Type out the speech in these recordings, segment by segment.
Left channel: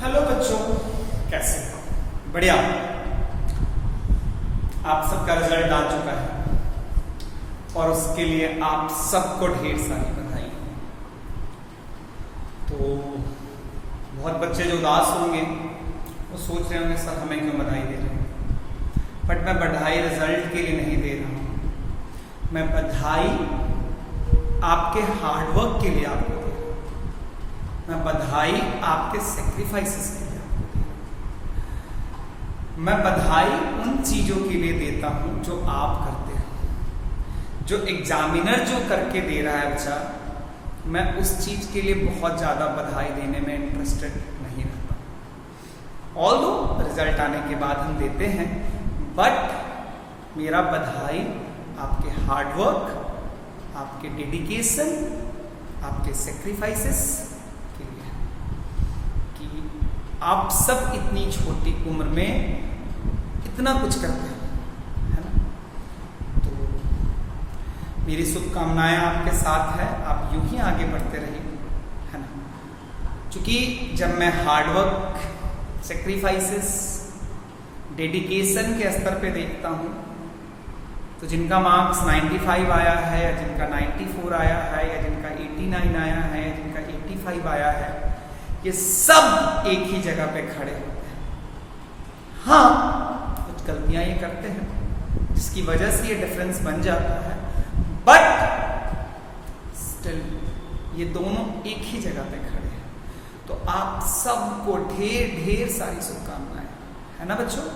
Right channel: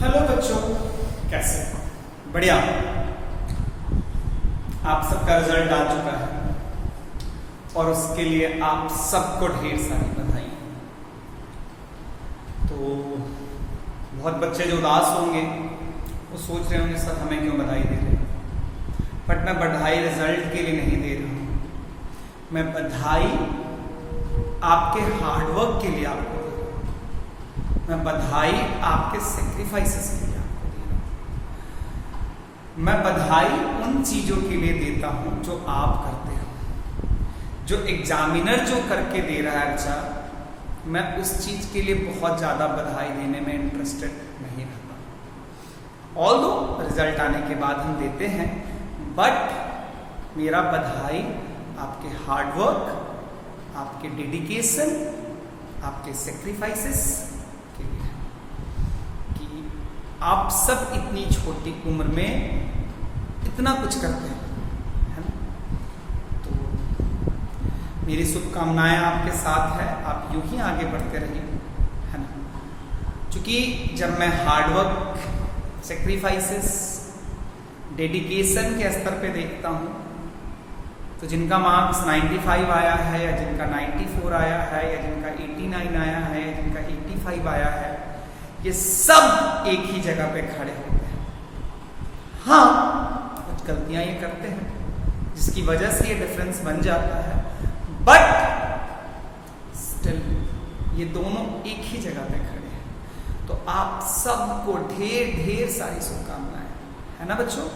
Hello बच्चों, कैसे हो? बढ़िया। आप सबका रिजल्ट आ चुका है और उसके लिए आप सबको ढेर सारी बधाई। तो बहुत बच्चे जो उदास होंगे वो सोच रहे होंगे सर हमें क्यों बधाई दे रहे हैं। बट मैं बधाई रिजल्ट के लिए नहीं दे रहा हूं, मैं बधाई आपके हार्डवर्क के लिए आपको दे रहा हूं। मैं बधाई आपके सेक्रीफाइसेस के लिए आपको दे रहा हूं। मैं बधाई उन चीजों के लिए देता हूं जो आप करते हो। जो एग्जामिनर जो करके दे रहा है बच्चा, मैं उस चीज के लिए बहुत ज्यादा बधाई देने में इंटरेस्टेड नहीं रहता। ऑल्दो रिजल्ट आने के बाद हम देते हैं, बट मेरा बधाई आपके हार्डवर्क, आपके डेडिकेशन, आपके सेक्रीफाइसेस के लिए है कि आप सब इतनी छोटी उम्र में इतना कुछ करते हैं, है ना। तो मेरी शुभकामनाएं आपके साथ है, आप यूं ही आगे बढ़ते रहिए, है ना। क्योंकि जब मैं हार्डवर्क, सेक्रीफाइसेस, डेडिकेशन के स्तर पे देखता हूं तो जिनका मार्क्स 95 आया है या जिनका 94 आया है या जिनका 89 आया है या जिनका 85 आया है, ये सब एक ही जगह पे खड़े होते हैं। हाँ, कुछ गलतियां ये करते हैं जिसकी वजह से ये डिफरेंस बन जाता है, बट स्टिल ये दोनों एक ही जगह पे खड़े हैं। तो आप सबको ढेर ढेर सारी शुभकामनाएं, है ना बच्चों।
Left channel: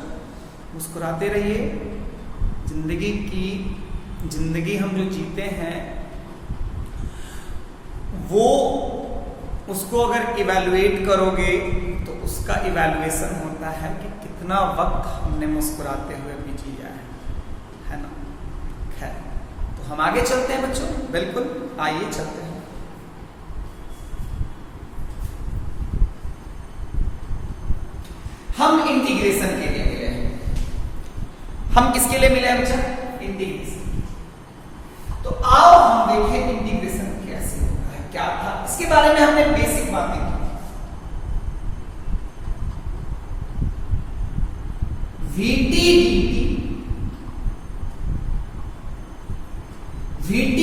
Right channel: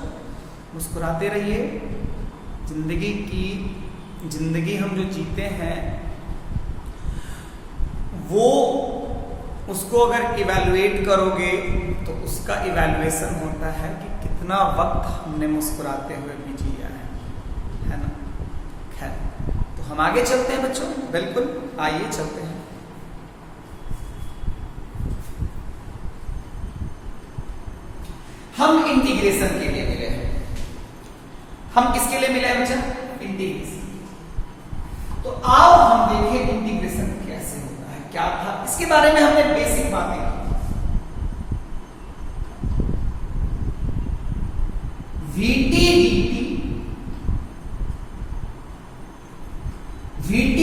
मुस्कुराते रहिए। जिंदगी हम जो जीते हैं वो उसको अगर इवैल्यूएट करोगे तो उसका इवैल्यूएशन होता है कि कितना वक्त हमने मुस्कुराते हुए भी जिया है ना। खैर, तो हम आगे चलते हैं बच्चों, बिल्कुल आइए चलते हैं। हम इंटीग्रेशन के लिए मिले हैं। हम किसके लिए मिले हैं बच्चा? इंटीग्रेशन। तो आओ हम देखें इंटीग्रेशन कैसे होता है, क्या था इसके बारे में हमने बेसिक बातें की। VT dt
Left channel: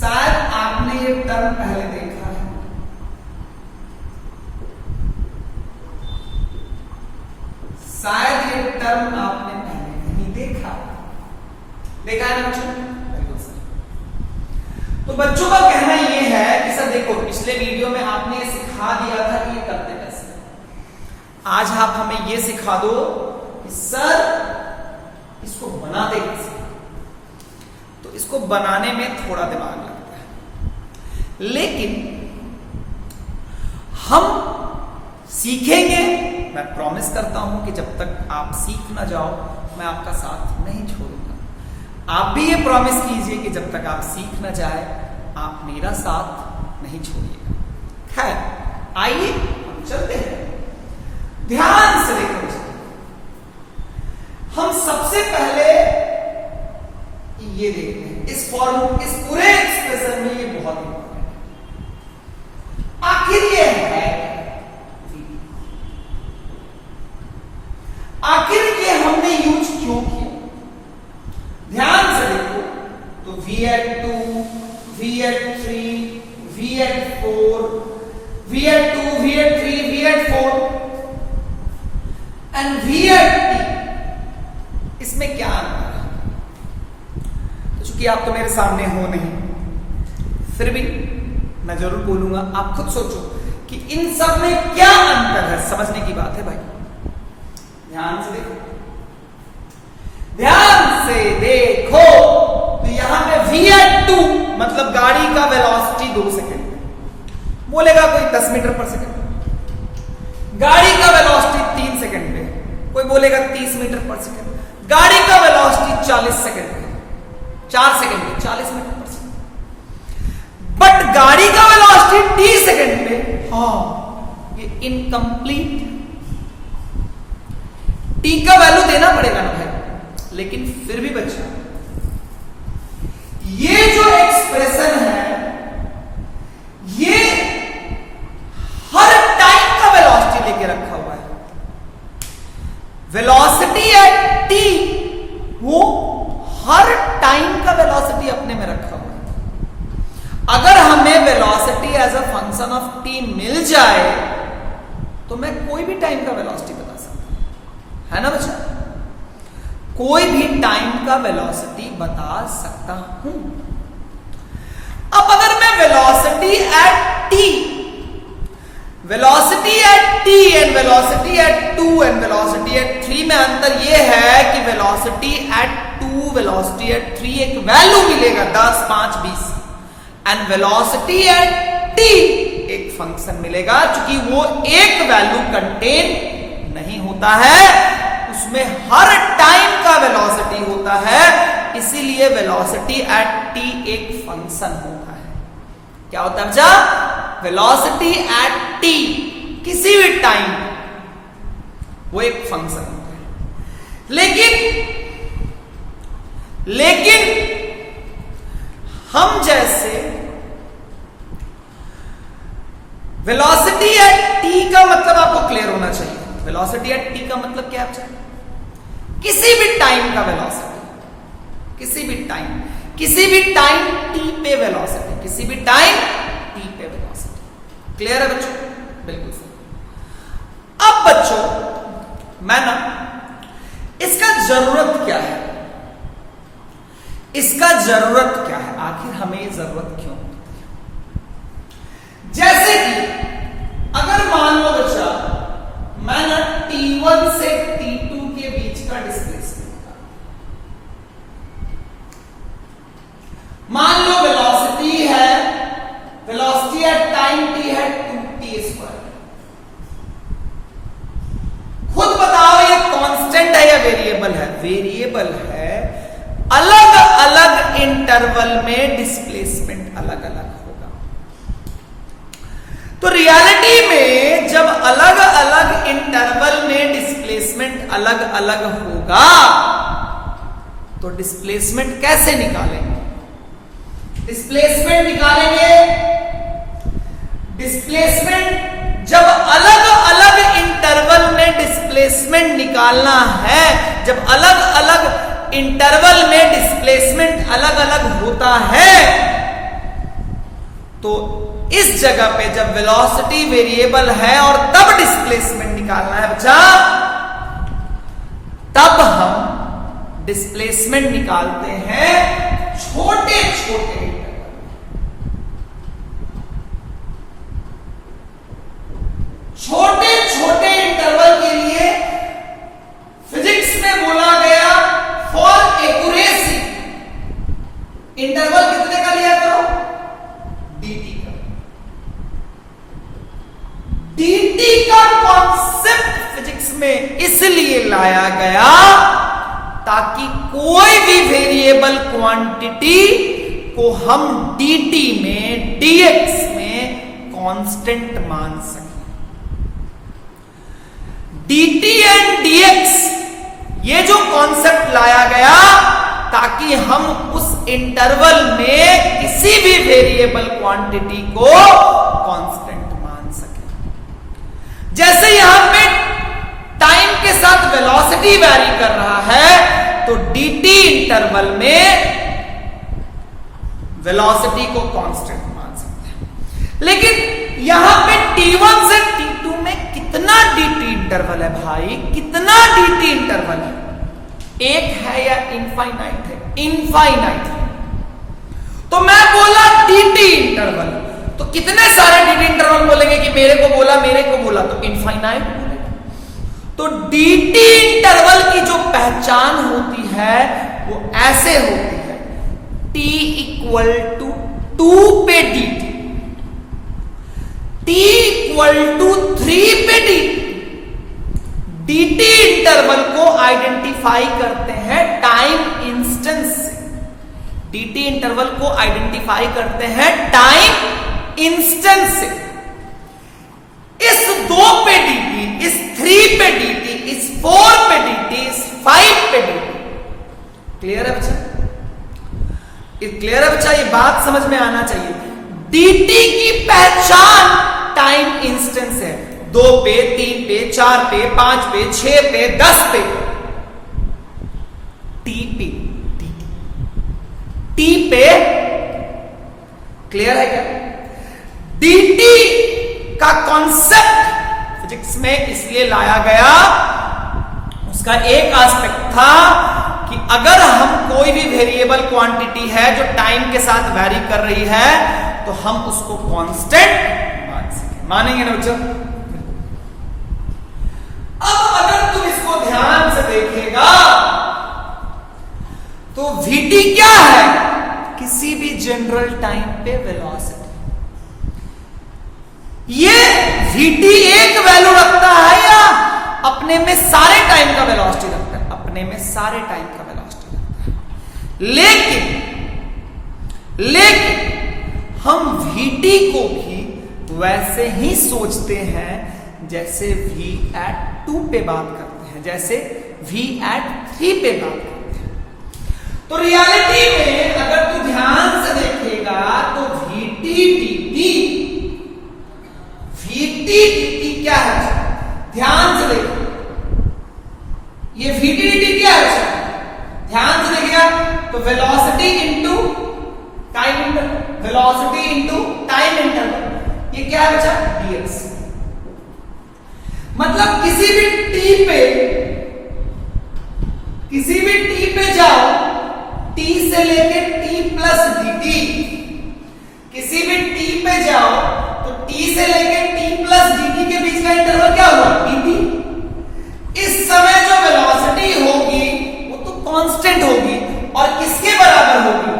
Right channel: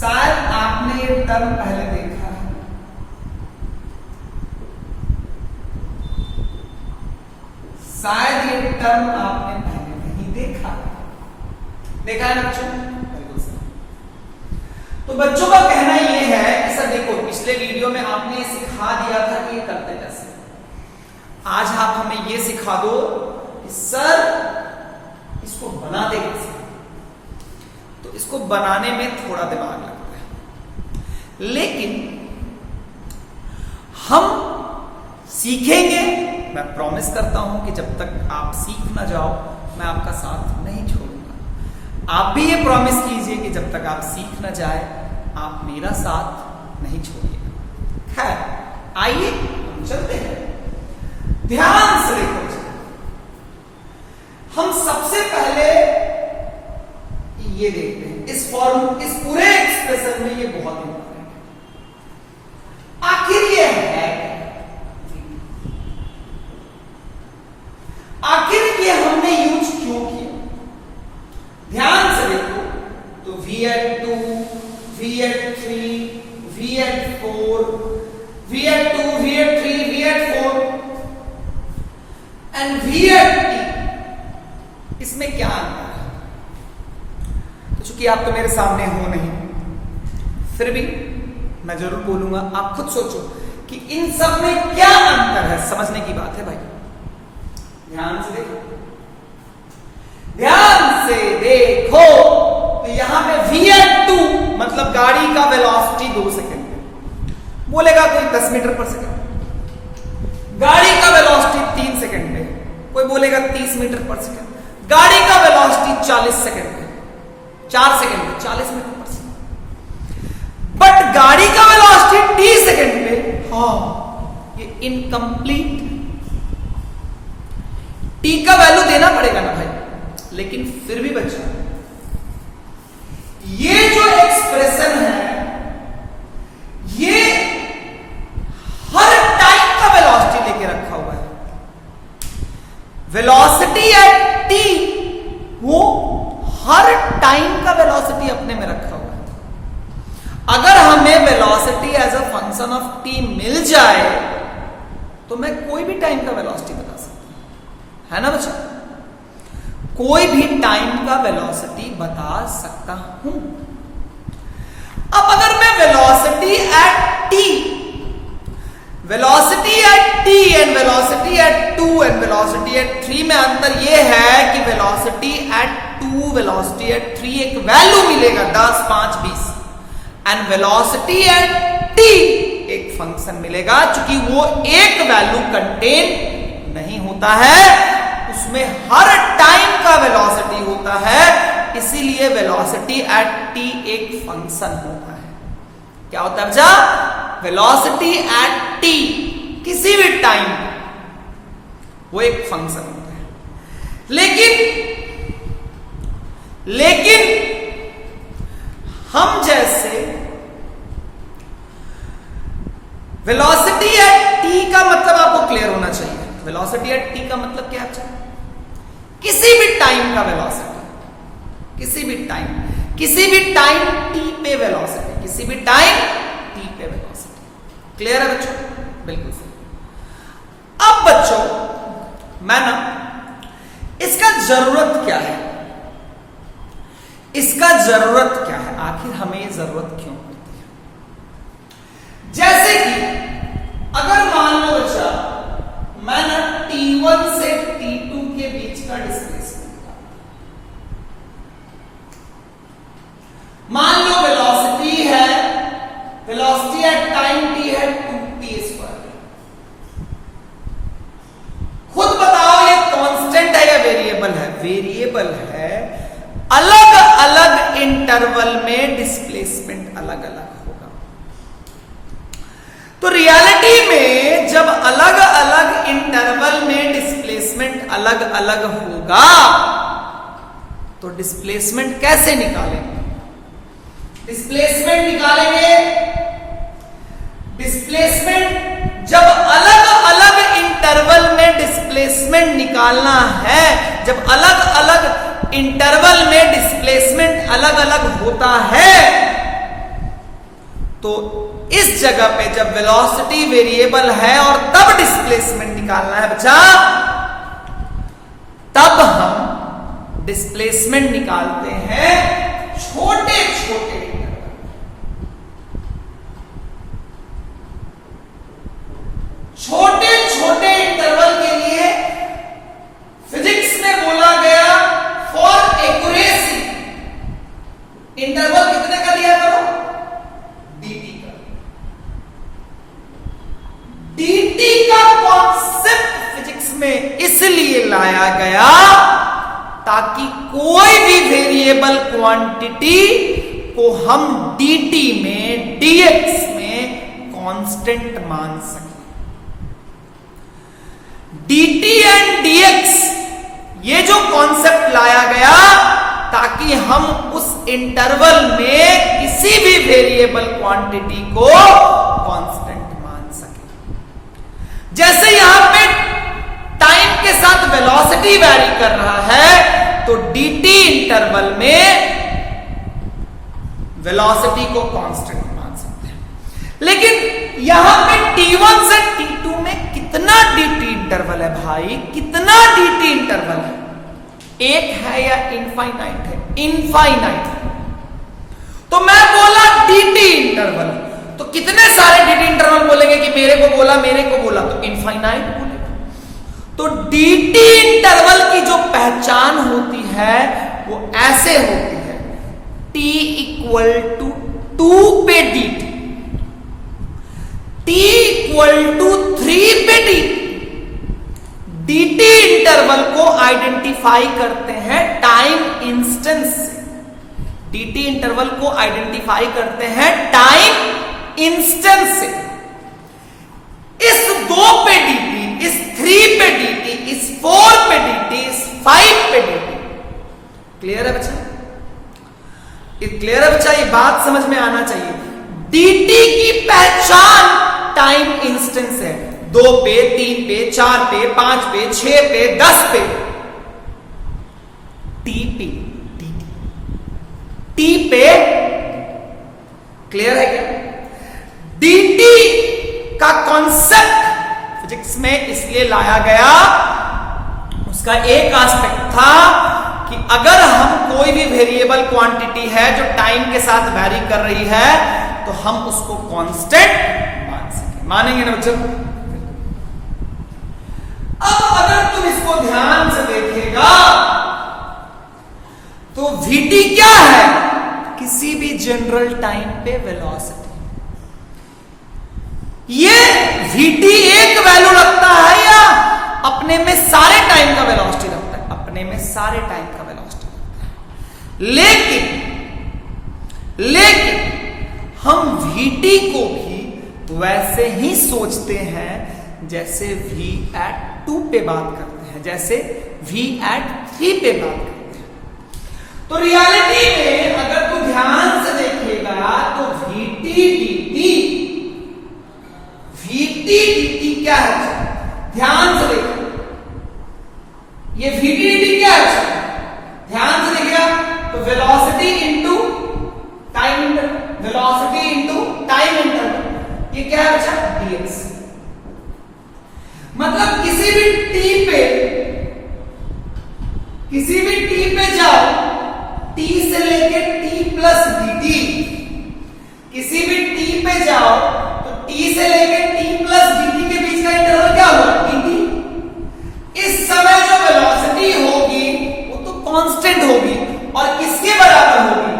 शायद आपने ये टर्म पहले देखा है। शायद ये टर्म आपने पहले नहीं देखा है ना बच्चों? तो बच्चों का कहना यह है कि सर देखो, पिछले वीडियो में आपने सिखा दिया था कि ये करते कैसे। आज आप हमें ये सिखा दो कि सर इसको बनाते कैसे। तो इसको बनाने में थोड़ा दिमाग लगता है, लेकिन हम सीखेंगे। मैं प्रॉमिस करता हूं कि जब तक आप सीख ना जाओ मैं आपका साथ नहीं छोड़ूंगा। आप भी ये प्रॉमिस कीजिए कि जब तक आप सीख ना जाए आप मेरा साथ नहीं छोड़िएगा। है, आइए हम चलते हैं। ध्यान से देखो, हम सबसे पहले ये देखते हैं इस पूरे एक्सप्रेशन में ये बहुत इंपॉर्टेंट है। आखिर ये है, आखिर ये हमने यूज क्यों किया? ध्यान से देखो तो VL2, VL3, VL4, VL2, VL3, VL4 and VL3, इसमें क्या अंतर है? तो चूंकि आप तो मेरे सामने हो नहीं, फिर भी मैं जरूर बोलूंगा। आप खुद सोचो कि इन सब में क्या अंतर है। समझने की बात है भाई, ध्यान से देखो, ध्यान से देखो। तो यहां पे VL2 मतलब गाड़ी का वेलोसिटी 2 सेकेंड पे, बोलेगा कोई 10 मीटर पर सेकेंड। गाड़ी का वेलोसिटी 3 सेकेंड पे, कोई बोलेगा 30 मीटर पर सेकेंड। गाड़ी का वेलोसिटी 40 सेकेंड पे, 4 सेकेंड पे 40 मीटर पर सेकेंड। बट गाड़ी का वेलोसिटी 30 सेकेंड पे, हाँ ये इनकम्प्लीट। टी का वैल्यू देना पड़ेगा ना भाई, लेकिन फिर भी बच्चा ये जो एक्सप्रेशन है ये हर टाइम का वेलोसिटी लेके रखा हुआ है। वेलोसिटी एट टी वो हर टाइम का वेलोसिटी अपने में रखा हुआ है। अगर हमें velocity as a function of T मिल जाए तो मैं कोई भी टाइम का वेलोसिटी बता सकता हूं, है ना बच्चा? कोई भी टाइम का वेलोसिटी बता सकता हूं। अब अगर मैं velocity at T and velocity at 2 and velocity at 3 में अंतर यह है कि वेलोसिटी एट 2 वेलोसिटी एट 3 एक वैल्यू मिलेगा 10, 5, 20 एंड वेलोसिटी एट टी एक फंक्शन मिलेगा। क्योंकि वो एक वैल्यू कंटेन नहीं होता है, उसमें हर टाइम का वेलोसिटी होता है, इसीलिए वेलोसिटी एट टी एक फंक्शन होता है। क्या होता है बच्चा? वेलोसिटी एट टी किसी भी टाइम वो एक फंक्शन होता है। लेकिन हम जैसे वेलोसिटी एट टी का मतलब आपको क्लियर होना चाहिए। वेलोसिटी एट टी का मतलब क्या है? किसी भी टाइम का वेलोसिटी, किसी भी टाइम टी पे वेलोसिटी, किसी भी टाइम टी पे वेलोसिटी। क्लियर है बच्चों? बिल्कुल सही। अब बच्चों मैं ना इसका जरूरत क्या है, इसका जरूरत क्या है, आखिर हमें ये जरूरत क्यों होती है? जैसे कि अगर मान लो बच्चा मैं ना T1 से T2 के बीच का डिस्प्लेसमेंट, मान लो वेलोसिटी है, वेलोसिटी एट टाइम t है 2t²। खुद बताओ ये कांस्टेंट है या वेरिएबल है? वेरिएबल है। अलग अलग इंटरवल में डिस्प्लेसमेंट अलग अलग होगा। तो रियलिटी में जब अलग अलग इंटरवल में डिस्प्लेसमेंट अलग अलग होगा तो डिस्प्लेसमेंट कैसे निकालेंगे? डिस्प्लेसमेंट निकालेंगे, डिस्प्लेसमेंट जब अलग अलग इंटरवल में डिस्प्लेसमेंट निकालना है, जब अलग अलग इंटरवल में डिस्प्लेसमेंट अलग अलग होता है तो इस जगह पे जब वेलोसिटी वेरिएबल है और तब डिस्प्लेसमेंट निकालना है बच्चा, तब हम डिस्प्लेसमेंट निकालते हैं छोटे छोटे इंटरवल के लिए फिजिक्स में बोला गया फॉर एक्यूरेसी इंटरवल कितने का लिया करो? dt का। dt का कॉन्सेप्ट फिजिक्स में इसलिए लाया गया ताकि कोई भी वेरिएबल क्वांटिटी को हम dt में, dx में कांस्टेंट मान सकें। dt एंड dx ये जो कॉन्सेप्ट लाया गया ताकि हम उस इंटरवल में किसी भी वेरिएबल क्वांटिटी को कांस्टेंट मान सके। जैसे यहां पे टाइम के साथ वेलोसिटी वैरी कर रहा है तो dt इंटरवल में वेलोसिटी को कांस्टेंट मान सकते हैं। लेकिन यहां पे t1 से t2 में कितना dt इंटरवल है भाई? कितना dt इंटरवल है? एक है या इनफाइनाइट है? इनफाइनाइट है। तो मैं बोला dt इंटरवल, तो कितने सारे dt इंटरवल बोलेंगे कि मेरे को बोला तो इनफाइनाइट बोलेगा। तो dt इंटरवल की जो पहचान होती है वो ऐसे होती है, t इक्वल टू 2 पे dt, t इक्वल टू 3 पे dt इंटरवल को आइडेंटिफाई करते हैं टाइम इंस्टेंस से। dt इंटरवल को आइडेंटिफाई करते हैं टाइम इंस्टेंस से। इस 2 पे dt, इस 3 पे dt, इस 4 पे dt, इस 5 पे dt। क्लियर है बच्चा? क्लियर है बच्चा? ये बात समझ में आना चाहिए। dt की पहचान टाइम इंस्टेंस है। 2 पे, 3 पे, 4 पे, 5 पे, 6 पे, 10 पे, t पे, t पे। क्लियर है क्या? dt का कॉन्सेप्ट फिजिक्स में इसलिए लाया गया, उसका एक एस्पेक्ट था कि अगर हम कोई भी वेरिएबल क्वांटिटी है जो टाइम के साथ वैरी कर रही है तो हम उसको कांस्टेंट मान सके। मानेंगे ना बच्चों? अब अगर तुम इसको ध्यान से देखेगा तो vt क्या है? किसी भी जनरल टाइम पे वेलोसिटी। ये vt एक वैल्यू रखता है या अपने में सारे टाइम का वेलोसिटी रखता है? अपने में सारे टाइम का वेलोसिटी रखता है। लेकिन हम vt को भी वैसे ही सोचते हैं जैसे v at 2 पे बात करते हैं, जैसे v at 3 पे बात करते हैं। तो रियलिटी में अगर तू ध्यान से देखेगा तो vt dt क्या है? ध्यान से देखो, ये vt dt क्या है? ध्यान से देखिएगा तो velocity into time interval, velocity into time interval, ये क्या है बच्चा? dx। मतलब किसी भी t पे जाओ, t से लेके t प्लस dt, किसी भी t पे जाओ तो t से लेके t प्लस dt के बीच का इंटरवल क्या हुआ? dt। इस समय जो वेलोसिटी होगी वो तो कांस्टेंट होगी और किसके बराबर होगी?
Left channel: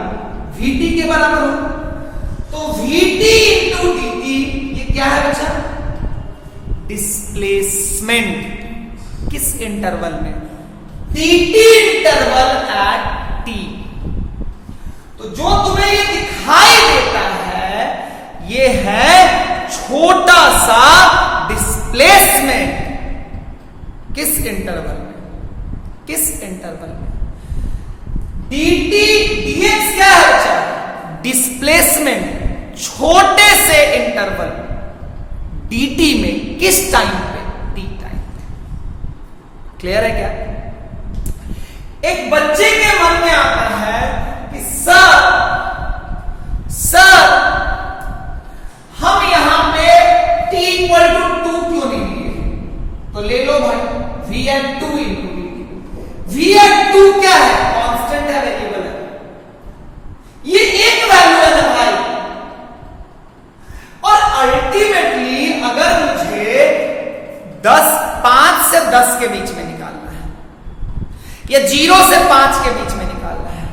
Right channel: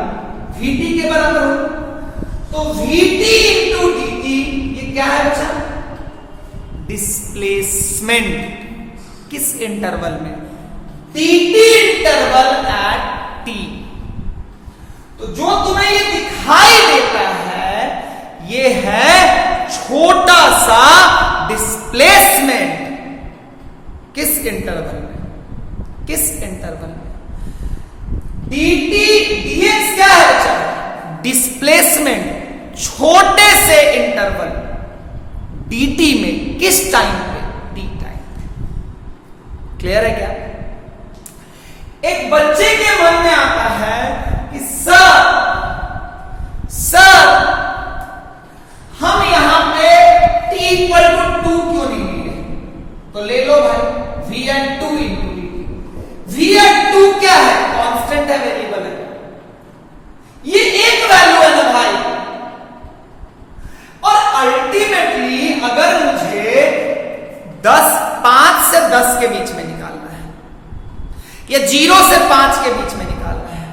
vt के बराबर होगी। तो vt इंटू dt ये क्या है बच्चा? डिस्प्लेसमेंट। किस इंटरवल में? dt interval at t। तो जो तुम्हें ये दिखाई देता है ये है छोटा सा डिस्प्लेसमेंट। किस इंटरवल में? किस इंटरवल में? dt dx क्या है बच्चा? डिस्प्लेसमेंट छोटे से इंटरवल dt में। किस टाइम पे? t time. क्लियर है क्या? एक बच्चे के मन में आता है कि सर हम यहां पे t इक्वल टू 2 क्यों नहीं लिए? तो ले लो भाई v at 2 into dt। v at 2 क्या है? कांस्टेंट है, वेरिएबल है, ये एक वैल्यू है ना भाई। और अल्टीमेटली अगर मुझे 5 से 10 के बीच में निकालना है या 0 से 5 के बीच में निकालना है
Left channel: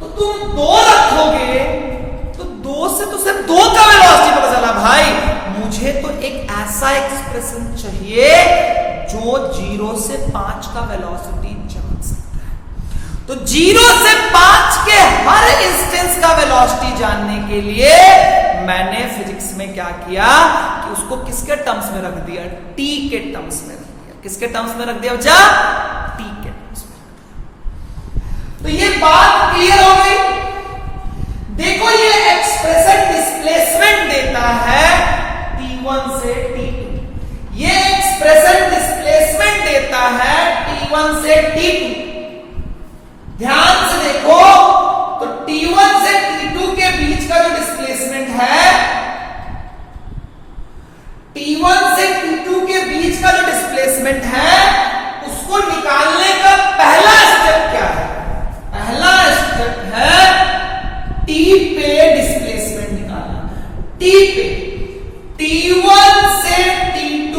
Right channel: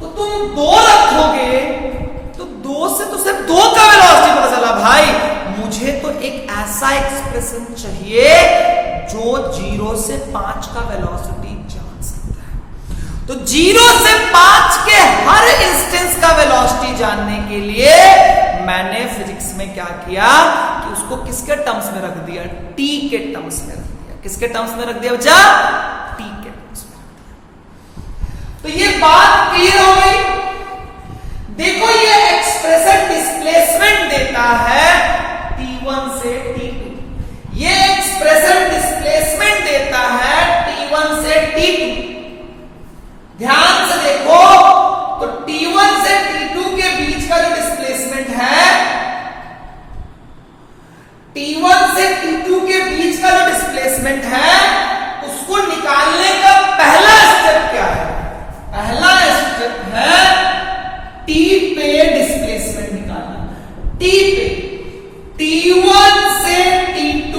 तो तुम 2 रखोगे तो 2 से तो सिर्फ 2 का वेलोसिटी पता चला भाई। मुझे तो एक ऐसा एक्सप्रेशन चाहिए जो 0 से 5 का वेलोसिटी जान सकता है। तो 0 से 5 के हर इंस्टेंस का वेलोसिटी जानने के लिए मैंने फिजिक्स में क्या किया कि उसको किसके टर्म्स में रख दिया? t के टर्म्स में रख दिया। किसके टर्म्स में रख दिया बच्चा? t के टर्म्स में रख दिया। तो ये बात क्लियर हो गई। देखो ये एक्सप्रेशन डिस्प्लेसमेंट देता है t1 से t2, ये एक्सप्रेशन डिस्प्लेसमेंट देता है t1 से t2। ध्यान से देखो तो t1 से t2 के बीच का जो डिस्प्लेसमेंट है, t1 से t2 के बीच का जो डिस्प्लेसमेंट है उसको निकालने का पहला स्टेप क्या है? पहला स्टेप है t पे डिस्प्लेसमेंट निकालना। t पे t1 से t2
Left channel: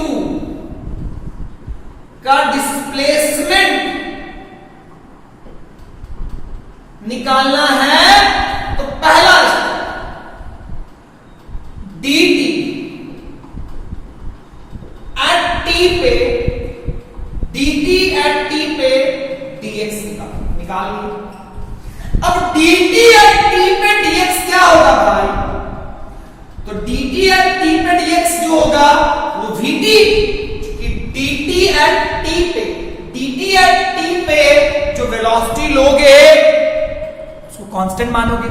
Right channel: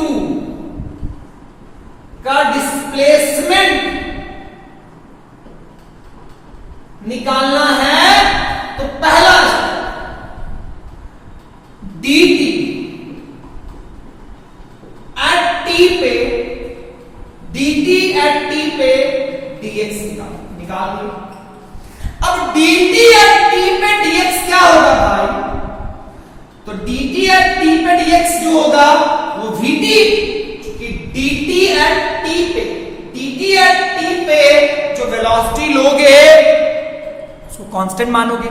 का डिस्प्लेसमेंट निकालना है तो पहला dt एट t पे, dt एट t पे dx निकाल लो। अब dt एट t पे dx क्या होगा भाई? तो dt एट t पे dx जो होगा वो vt, क्योंकि dt एट t पे जो वेलोसिटी लोगे उसको कांस्टेंट मानोगे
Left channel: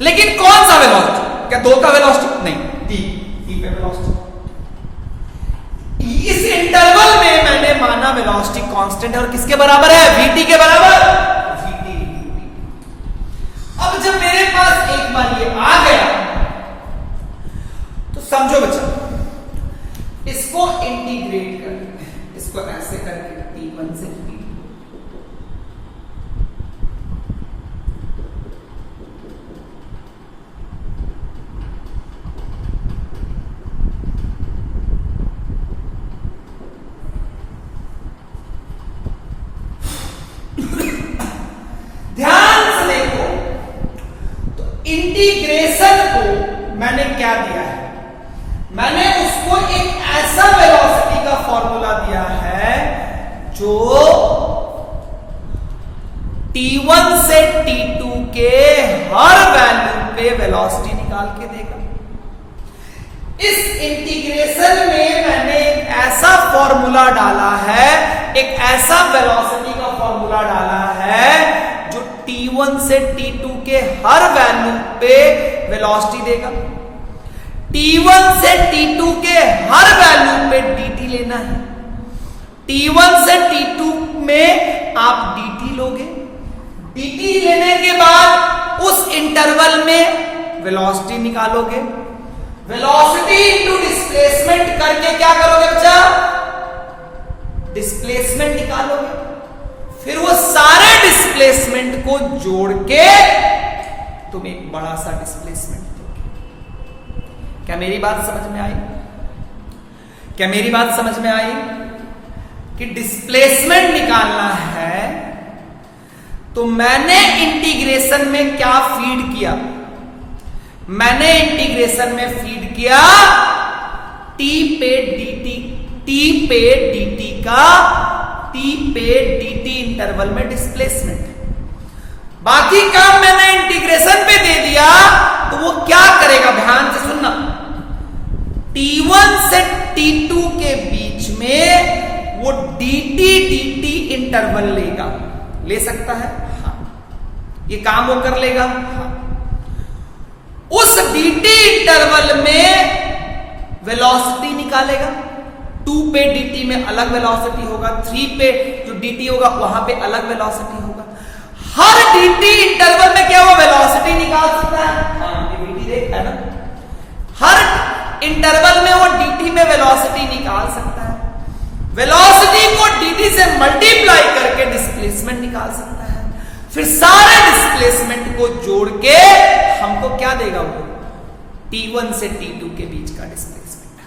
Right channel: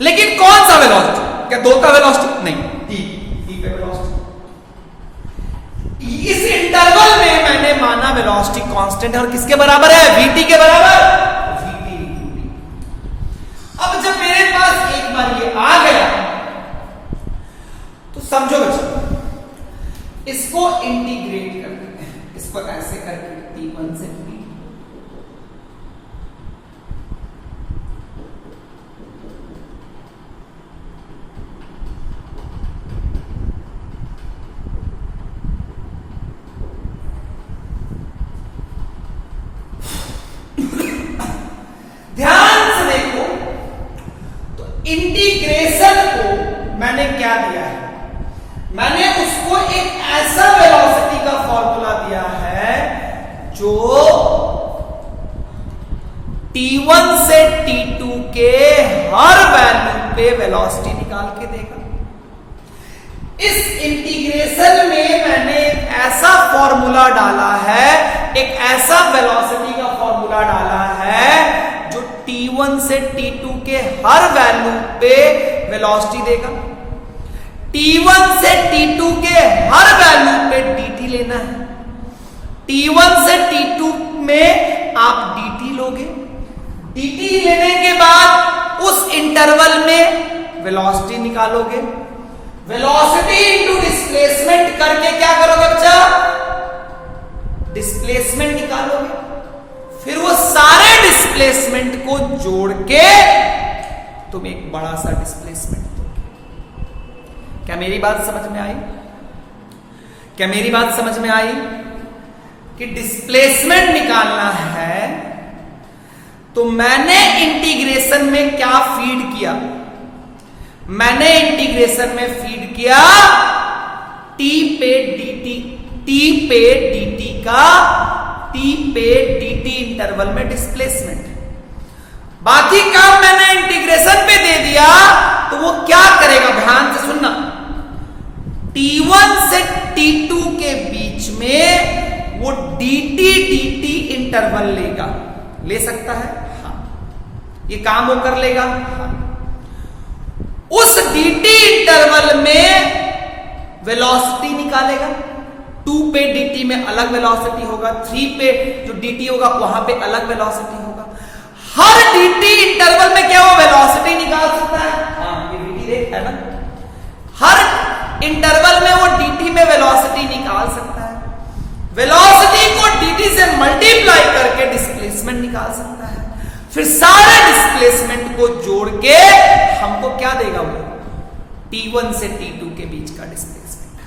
लेकिन कौन सा वेलोसिटी? क्या दो का वेलोसिटी? नहीं, टी पे वेलोसिटी। इस इंटरवल में मैंने माना वेलोसिटी कांस्टेंट है और किसके बराबर है? वीटी के बराबर। वीटी। अब जब मेरे पास एक बार ये आ गया तो समझो बच्चा, इसको इंटीग्रेट कर देते हैं, इसको ऐसे करके T1 से T2। ध्यान से देखो तो इंटीग्रेशन को मैंने क्या दिया है? मैंने उसको एक ऐसा वेलोसिटी का फॉर्मूला दिया है जो T1 से T2 के हर वैल्यू पे वेलोसिटी निकाल के देगा। इस इंटीग्रेशन में मैंने एक ऐसा फॉर्मूला डाला है, एक ऐसा वेलोसिटी का फॉर्मूला डाला है जो T1 से T2 के हर वैल्यू पे वेलोसिटी देगा। T1 से T2 के हर वैल्यू पे dt लेना है। T1 से T2 में आप dt लोगे, dt लेने के बाद उस इंटरवल में वेलोसिटी निकालोगे। वेलोसिटी इनटू डिस्प्लेसमेंट करके क्या करोगे बच्चा? डिस्प्लेसमेंट निकालोगे। फिर वो सारे डिस्प्लेसमेंट को जोड़ के तुम एक बड़ा सा डिस्प्लेसमेंट दोगे। क्या मेरी बात समझ में आई? क्या मेरी बात समझ में आई कि डिस्प्लेसमेंट निकालना है तो मैंने इंटीग्रेशन में क्या फीड किया? मैंने इंटीग्रेशन में फीड किया t पे dt का t पे dt इंटरवल में डिस्प्लेसमेंट। बाकी काम मैंने इंटीग्रेशन पे दे दिया तो वो क्या करेगा? ध्यान से सुनना। T1 से T2 के बीच में वो dt इंटरवल लेगा, ले सकता है? हाँ। ये काम वो कर लेगा? हाँ। उस dt इंटरवल में वेलोसिटी निकालेगा। 2 पे dt में अलग वेलोसिटी होगा, 3 पे जो dt होगा वहां पे अलग वेलोसिटी होगा। हर dt इंटरवल में क्या वो वेलोसिटी निकाल सकता है? हाँ, ये dt देख है ना, हर इंटरवल में वो dt में वेलोसिटी निकाल सकता है। वेलोसिटी को dt से मल्टीप्लाई करके डिस्प्लेसमेंट निकाल सकता है। फिर सारे डिस्प्लेसमेंट को जोड़ के हमको क्या देगा? वो T1 से T2 के बीच का डिस्प्लेसमेंट।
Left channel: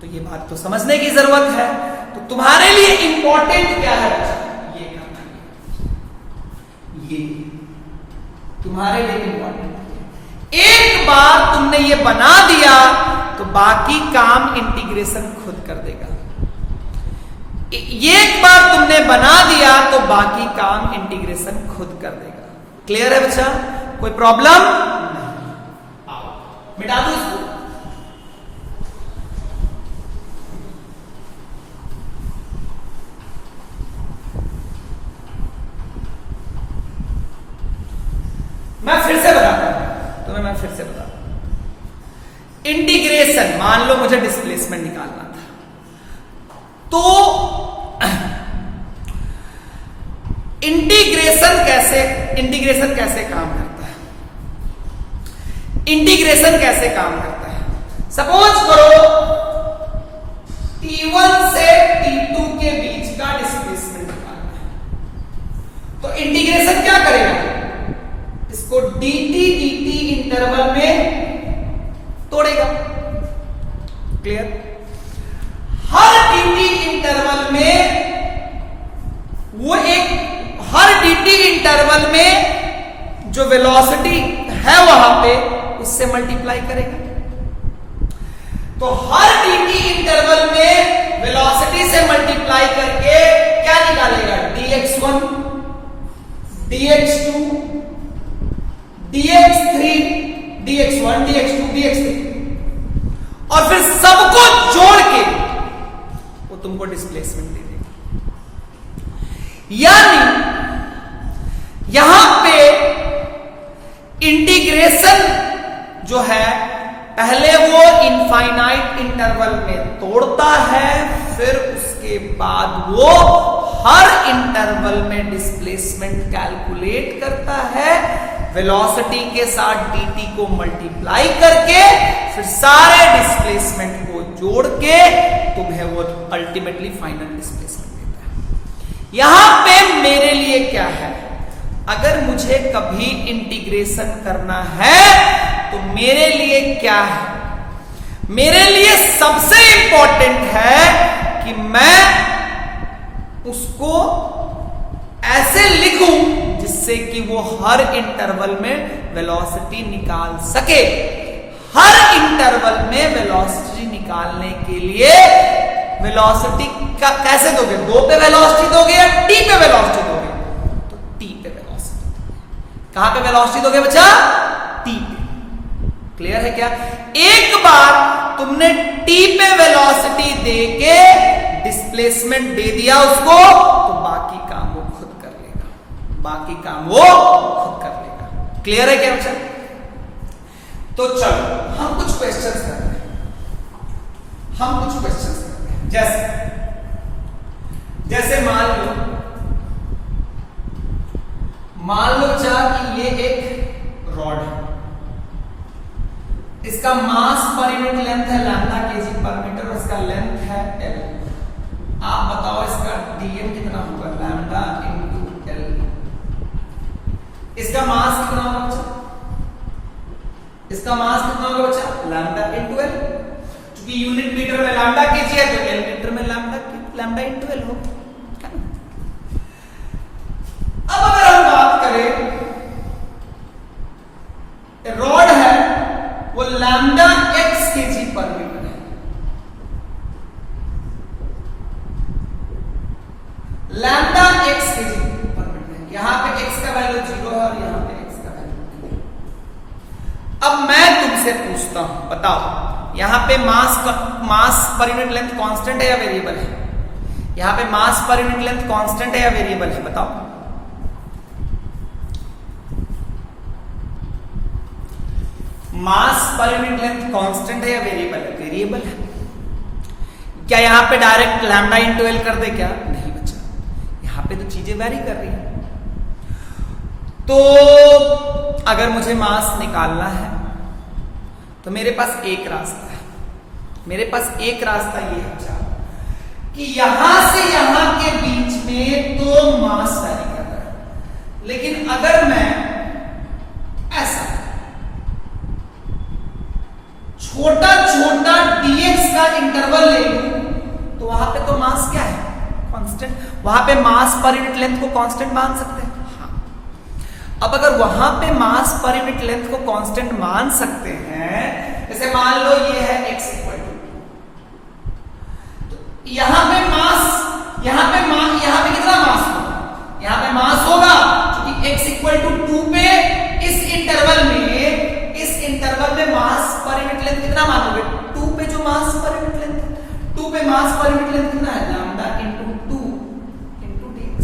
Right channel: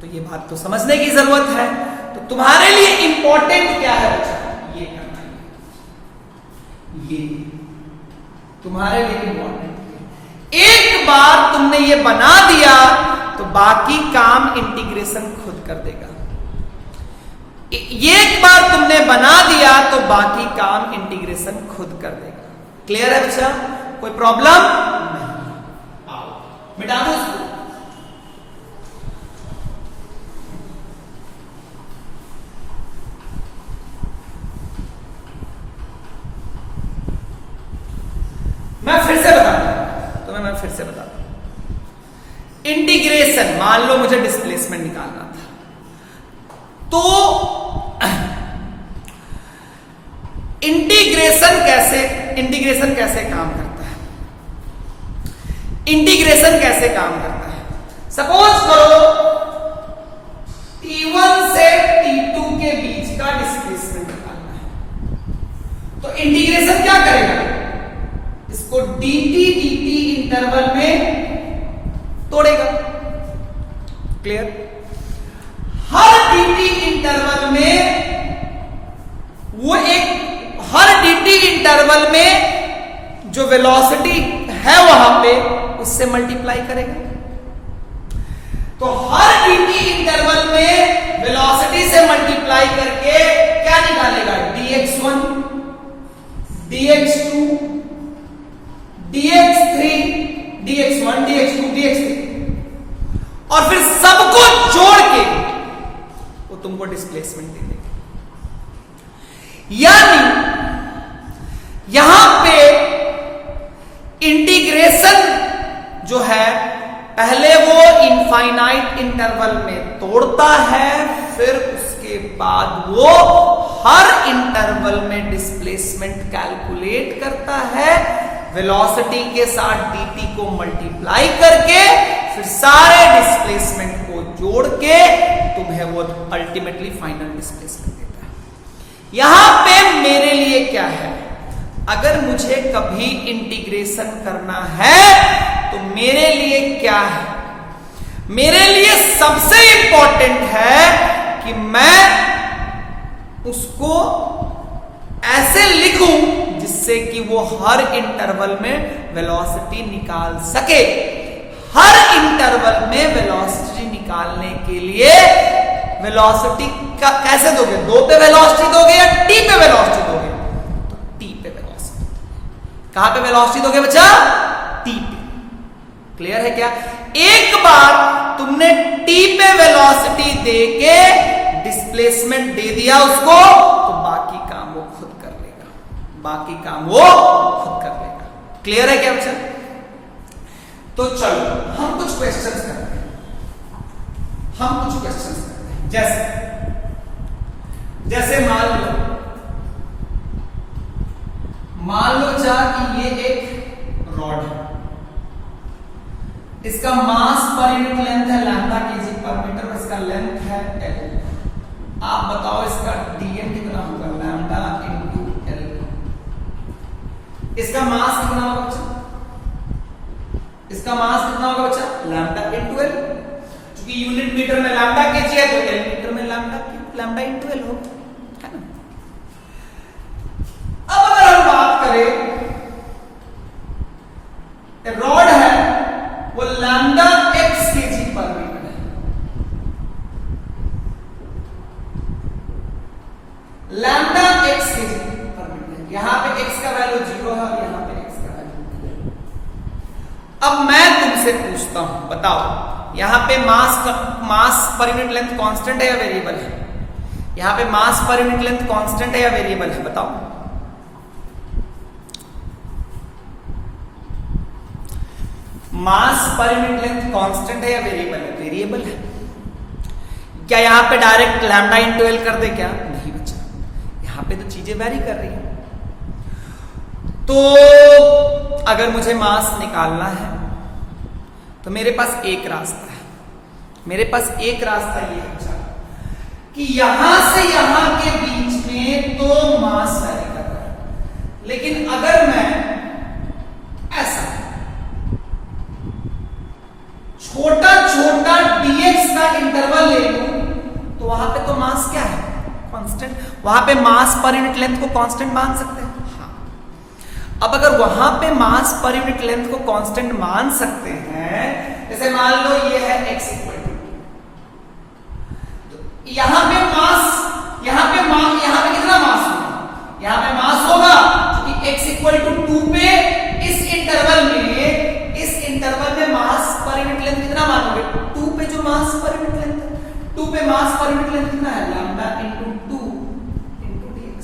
तो ये बात तो समझने की जरूरत है। तो तुम्हारे लिए इंपॉर्टेंट क्या है बच्चा? ये करना है, ये तुम्हारे लिए इंपॉर्टेंट है। एक बार तुमने ये बना दिया तो बाकी काम इंटीग्रेशन खुद कर देगा। एक बार तुमने बना दिया तो बाकी काम इंटीग्रेशन खुद कर देगा। क्लियर है बच्चा? कोई प्रॉब्लम नहीं? आओ मिटा दो इसको। मैं फिर से बताता हूं तुम्हें, मैं फिर से बताता हूं। इंटीग्रेशन, मान लो मुझे डिस्प्लेसमेंट निकालना था तो इंटीग्रेशन कैसे काम करता है? इंटीग्रेशन कैसे काम करता है? सपोज करो T1 से T2 के बीच का डिस्प्लेसमेंट निकालना है तो इंटीग्रेशन क्या करेगा? इसको dt इंटरवल में तोड़ेगा। क्लियर? हर dt इंटरवल में वो हर dt इंटरवल में जो वेलोसिटी है वहां पे उससे मल्टीप्लाई करेगा। तो हर dt इंटरवल में वेलोसिटी से मल्टीप्लाई करके क्या निकालेगा? dx1, dx2, dx3, dx1, dx2, dx3 और फिर सबको जोड़ के वो तुमको डिस्प्लेसमेंट दे देगा। यानी यहां पे इंटीग्रेशन जो है पहले वो इनफाइनाइट इंटरवल में तोड़ता है, फिर उसके बाद वो हर इंटरवल में डिस्प्लेसमेंट कैलकुलेट करता है, वेलोसिटी के साथ dt को मल्टीप्लाई करके फिर सारे डिस्प्लेसमेंट को जोड़ के तुम्हें वो अल्टीमेटली फाइनल डिस्प्लेसमेंट देता है। यहां पे मेरे लिए क्या है, अगर मुझे कभी इंटीग्रेशन करना है तो मेरे लिए क्या है, मेरे लिए सबसे इंपॉर्टेंट है कि मैं उसको ऐसे लिखूं जिससे कि वो हर इंटरवल में वेलोसिटी निकाल सके। हर इंटरवल में वेलोसिटी निकालने के लिए वेलोसिटी का कैसे दोगे, 2 पे वेलोसिटी दोगे या t पे वेलोसिटी दोगे, तो t पे वेलोसिटी। कहां पे वेलोसिटी दोगे बच्चा, t पे। क्लियर है क्या? एक बार तुमने t पे वेलोसिटी देके डिस्प्लेसमेंट दे दिया उसको, तो बाकी काम वो खुद कर लेगा, बाकी काम वो खुद कर लेगा। क्लियर है क्या बच्चा? तो चलो हम कुछ क्वेश्चंस करते हैं, जैसे मान लो जा कि ये एक रॉड है, इसका मास पर यूनिट लेंथ है लैम्डा केजी पर मीटर और इसका लेंथ है l। आप बताओ इसका dm कितना होगा, लैम्डा इंटू l। इसका मास कितना होगा बच्चा, इसका मास कितना होगा बच्चा, लैम्डा इंटू l। क्योंकि यूनिट मीटर में लैम्डा केजी है तो l मीटर में लैम्डा इंटू l होगा। अब अगर हम बात करें, रॉड है वो लैम्डा x केजी पर मीटर है, लैम्डा x केजी पर मीटर है। यहां पे x का वैल्यू 0 है और यहां पे x का वैल्यू 2 है। अब मैं तुमसे पूछता हूं, बताओ यहां पे मास पर यूनिट लेंथ कांस्टेंट है या वेरिएबल है? यहां पे मास पर यूनिट लेंथ कांस्टेंट है या वेरिएबल है, बताओ। मास पर यूनिट लेंथ कांस्टेंट है या वेरिएबल है? वेरिएबल है। क्या यहां पे डायरेक्ट लैम्डा इंटू एल कर दे क्या? नहीं बच्चा, यहां पे तो चीजें वेरी कर रही हैं। तो अगर मुझे मास निकालना है तो मेरे पास एक रास्ता है, मेरे पास एक रास्ता ये है बच्चा कि यहां से यहां के बीच में तो मास वेरी कर रहा है, लेकिन अगर मैं ऐसा छोटा छोटा dx का इंटरवल ले लूं तो वहां पे तो मास क्या है, कांस्टेंट। वहां पे मास पर यूनिट लेंथ को कांस्टेंट मान सकते हैं। हाँ, अब अगर वहां पे मास पर यूनिट लेंथ को कांस्टेंट मान सकते हैं, जैसे मान लो ये है x इक्वल टू, तो यहां पे कितना मास होगा, यहां पे मास होगा क्योंकि x इक्वल टू 2 पे इस इंटरवल में मास पर यूनिट लेंथ कितना मानोगे, 2 पे जो मास पर यूनिट लेंथ है, 2 पे मास पर यूनिट लेंथ कितना है, लैम्डा इंटू 2 इंटू dx।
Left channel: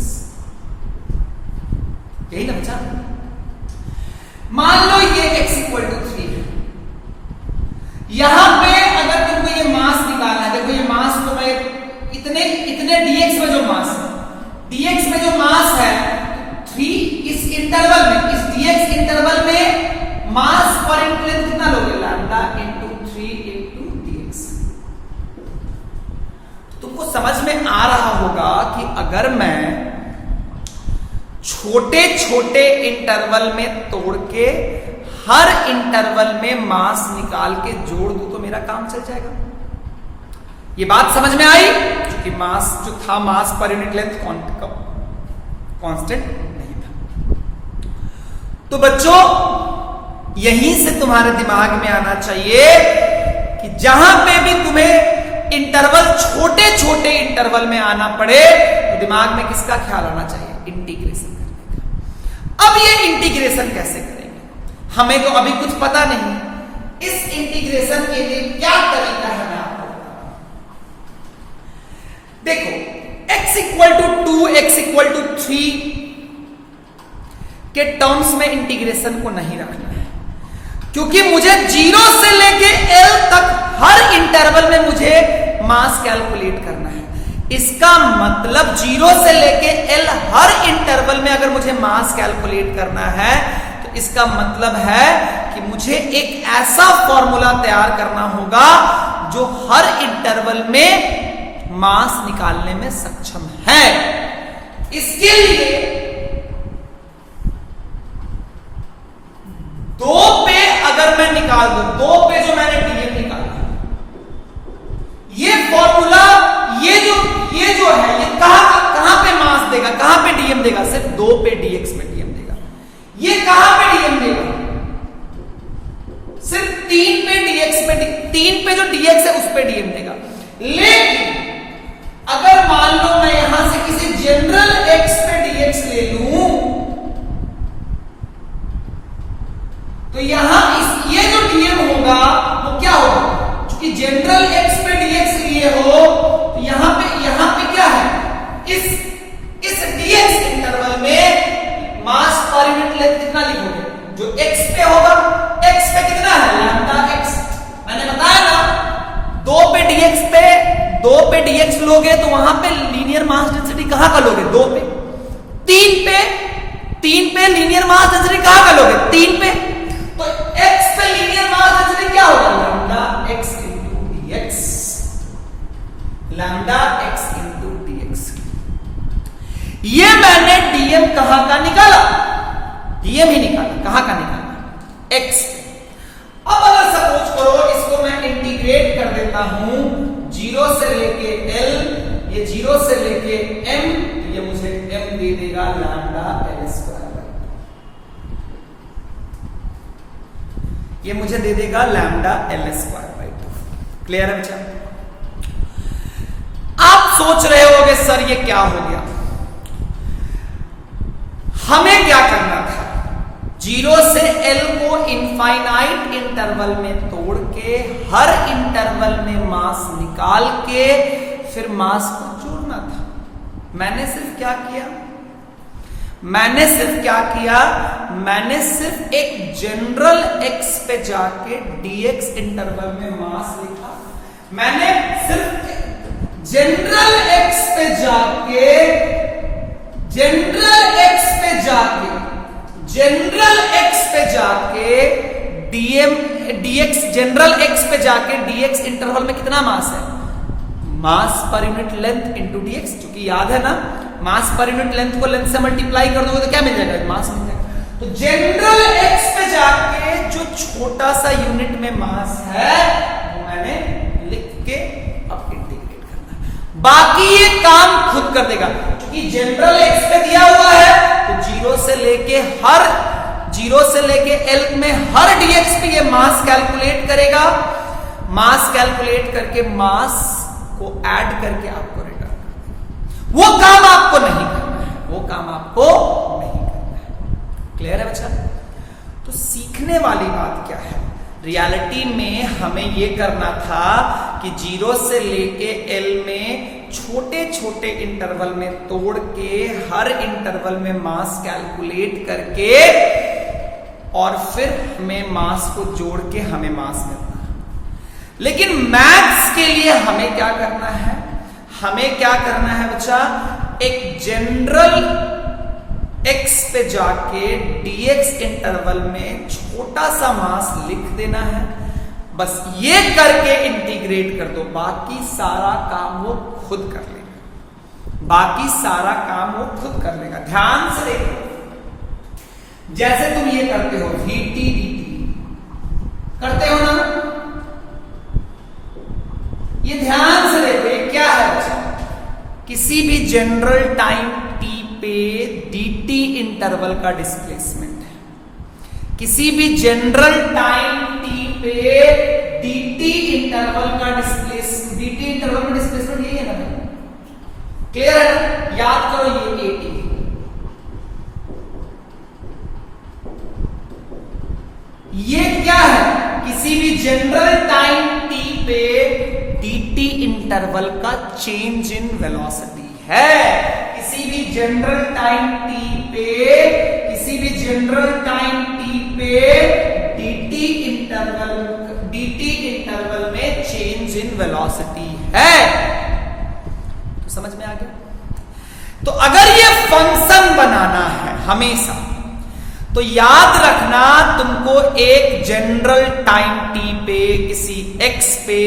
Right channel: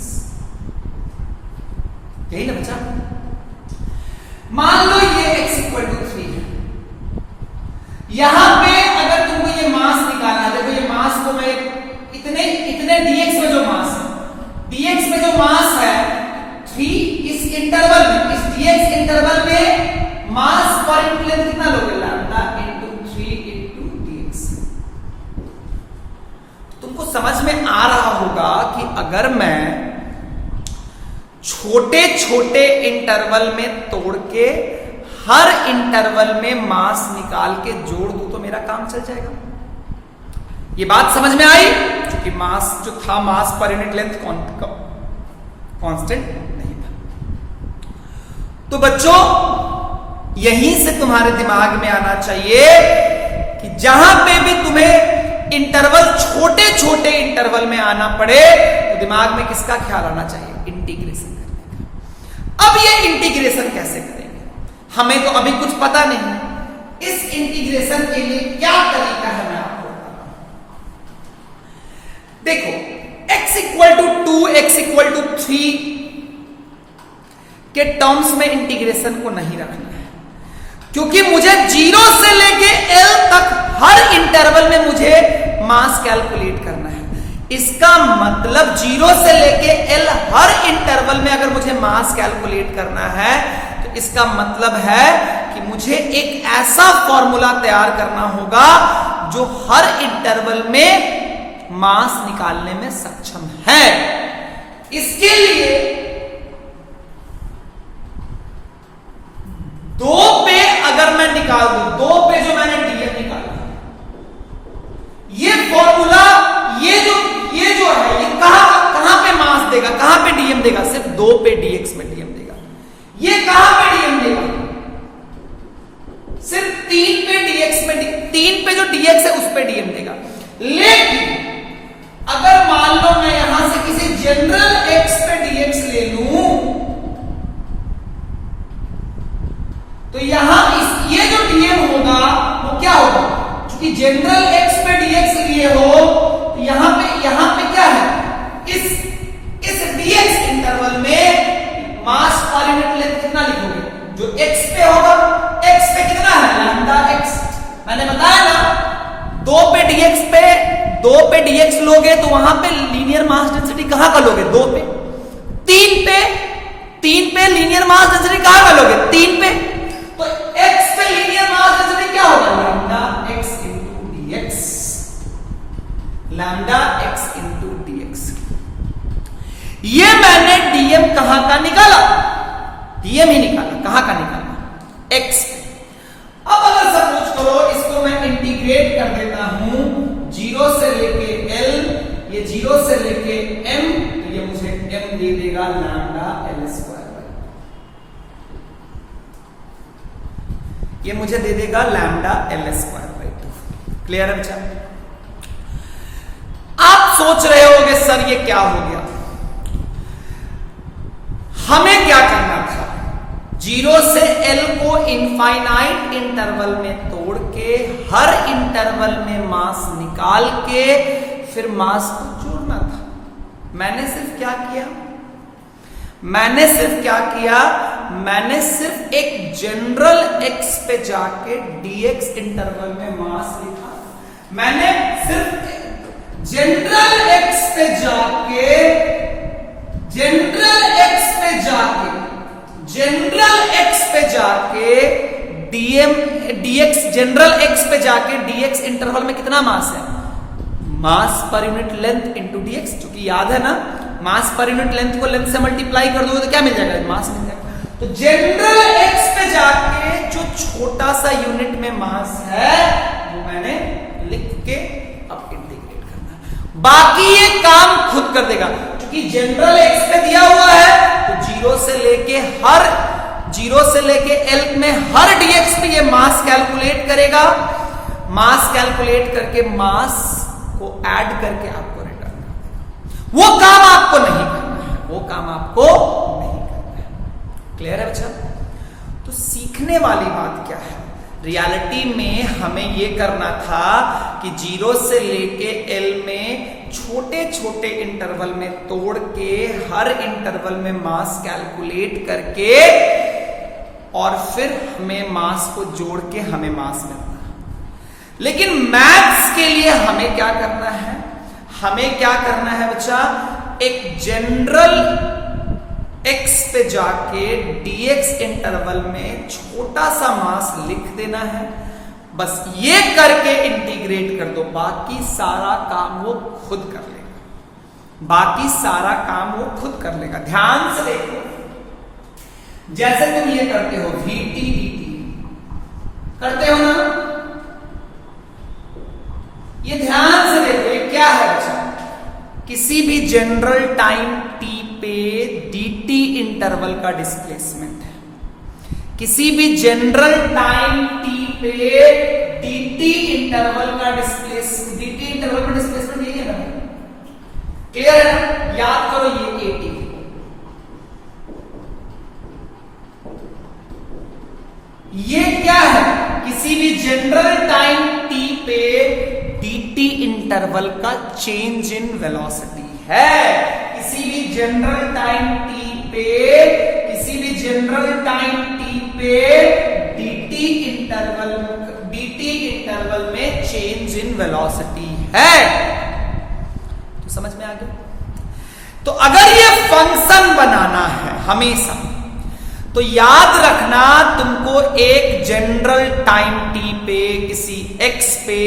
यही ना बच्चा। मान लो ये x इक्वल टू 3 है, यहां पे अगर तुमको ये मास निकालना है, देखो ये मास को मैं इतने dx में जो मास है, dx में जो मास है 3, इस इंटरवल में, इस dx इंटरवल में मास पर यूनिट लेंथ कितना लोगे, लैम्डा इंटू 3 इंटू dx। तुमको समझ में आ रहा होगा कि अगर मैं छोटे छोटे इंटरवल में तोड़ के हर इंटरवल में मास निकाल के जोड़ दूं तो मेरा काम चल जाएगा। ये बात समझ में आई? क्योंकि मास जो था, मास पर यूनिट लेंथ कांस्टेंट नहीं था। तो बच्चों यहीं से तुम्हारे दिमाग में आना चाहिए कि जहां पे भी तुम्हें इंटरवल छोटे छोटे इंटरवल में आना पड़े तो दिमाग में किसका ख्याल आना चाहिए, इंटीग्रेशन करने का। अब ये इंटीग्रेशन कैसे करेंगे, हमें तो अभी कुछ पता नहीं। इस इंटीग्रेशन के लिए क्या तरीका है मैं आपको बताता हूं। देखो x equal to 2, x equal to 3 के टर्म्स में इंटीग्रेशन को नहीं रखना है, क्योंकि मुझे 0 से लेके L तक हर इंटरवल में मुझे मास कैलकुलेट करना है। इसका मतलब 0 से लेके L हर इंटरवल में अगर मुझे मास कैलकुलेट करना है तो इसका मतलब है कि मुझे एक ऐसा फॉर्मूला तैयार करना होगा जो हर इंटरवल में मास निकालने में सक्षम है। इसके लिए 2 पे अगर मैं निकाल दूं, 2 पे जो मैंने डीएम निकाला, ये फॉर्मूला ये जो है ये कहां पे मास देगा, कहां पे डीएम देगा? सिर्फ 2 पे डीएक्स में डीएम देगा। ये कहां पे डीएम देगा? सिर्फ 3 पे डीएक्स में, 3 पे जो डीएक्स है उस पे डीएम देगा। लेकिन अगर मान लो मैं यहां से किसी जनरल एक्स पे डीएक्स ले लूं तो यहां ये जो डीएम होगा वो क्या होगा? क्योंकि जनरल एक्स पे डीएक्स लिए हो तो यहां पे क्या है? इस डीएक्स इंटरवल में मास पर यूनिट लेंथ कितना लिखोगे? जो एक्स पे होगा, एक्स पे कितना है? Lambda x. मैंने बताया ना 2 पे डीएक्स लोगे तो वहां पे लीनियर मास डेंसिटी कहां का लोगे? 2 पे। 3 पे लीनियर मास डेंसिटी कहां का लोगे? 3 पे। तो x पे लीनियर मास डेंसिटी क्या होगा? Lambda x into dx। Lambda x into dx। ये मैंने डीएम कहां का निकाला? डीएम ही निकाला। कहां का निकाला? x। अब अगर सपोज करो इसको मैं इंटीग्रेट कर देता हूं 0 से लेके L, ये 0 से लेके m, तो ये मुझे m दे देगा लैम्डा L स्क्वायर। ये मुझे दे देगा lambda L square by 2। Clear है बच्चा? आप सोच रहे होगे सर ये क्या हो गया? हमें क्या करना था? 0 से L को इनफाइनाइट इंटरवल में तोड़ के हर इंटरवल में मास निकाल के फिर मास को जोड़ना था। मैंने सिर्फ क्या किया? मैंने सिर्फ एक जनरल x पे जाके dx इंटरवल में मास लिखा। मैंने सिर्फ जनरल x पे जाके dx जनरल x पे जाके dx इंटरवल में कितना मास है? मास per unit length into dx। क्योंकि याद है ना, मास पर यूनिट लेंथ को लेंथ से मल्टीप्लाई कर दोगे तो क्या मिल जाएगा? मास मिल जाएगा। तो जनरल एक्स पे जाके जो छोटा सा यूनिट में मास है वो मैंने लिख के अब इंटीग्रेट करना है। बाकी ये काम खुद कर देगा, क्योंकि जनरल एक्स पे दिया हुआ है तो 0 से लेके L में हर डीएक्स पे ये मास कैलकुलेट करेगा। मास कैलकुलेट करके मास को ऐड करके आपको रिटर्न कर देगा। वो काम आपको नहीं करना है। क्लियर है बच्चा? तो सीखने वाली बात क्या है? रियलिटी में हमें ये करना था कि 0 से लेके L में छोटे छोटे इंटरवल में तोड़ के हर इंटरवल में मास कैलकुलेट करके और फिर हमें मास को जोड़ के हमें मास मिलता है। लेकिन मैथ्स के लिए हमें क्या करना है? बच्चा, एक जनरल x पे जाके dx इंटरवल में छोटा सा मास लिख देना है। बस ये करके इंटीग्रेट कर दो, बाकी सारा काम वो खुद कर लेगा। ध्यान से देखो, जैसे तुम ये करते हो vt dt, करते हो ना? ये ध्यान से देखो, ये क्या है बच्चा? किसी भी जनरल टाइम t पे dt इंटरवल का डिस्प्लेसमेंट है। किसी भी जनरल टाइम t पे dt इंटरवल का डिस्प्लेसमेंट यही है ना? क्लियर है? याद करो, ये at ये क्या है? किसी भी जनरल टाइम t पे dt इंटरवल का चेंज इन वेलोसिटी है। किसी भी जनरल टाइम t पे किसी भी जनरल टाइम t पे dt इंटरवल में चेंज इन वेलोसिटी है। तो समझ में आ गया? तो अगर ये फंक्शन बनाना है हमेशा, तो याद रखना तुमको एक जनरल टाइम t पे किसी x पे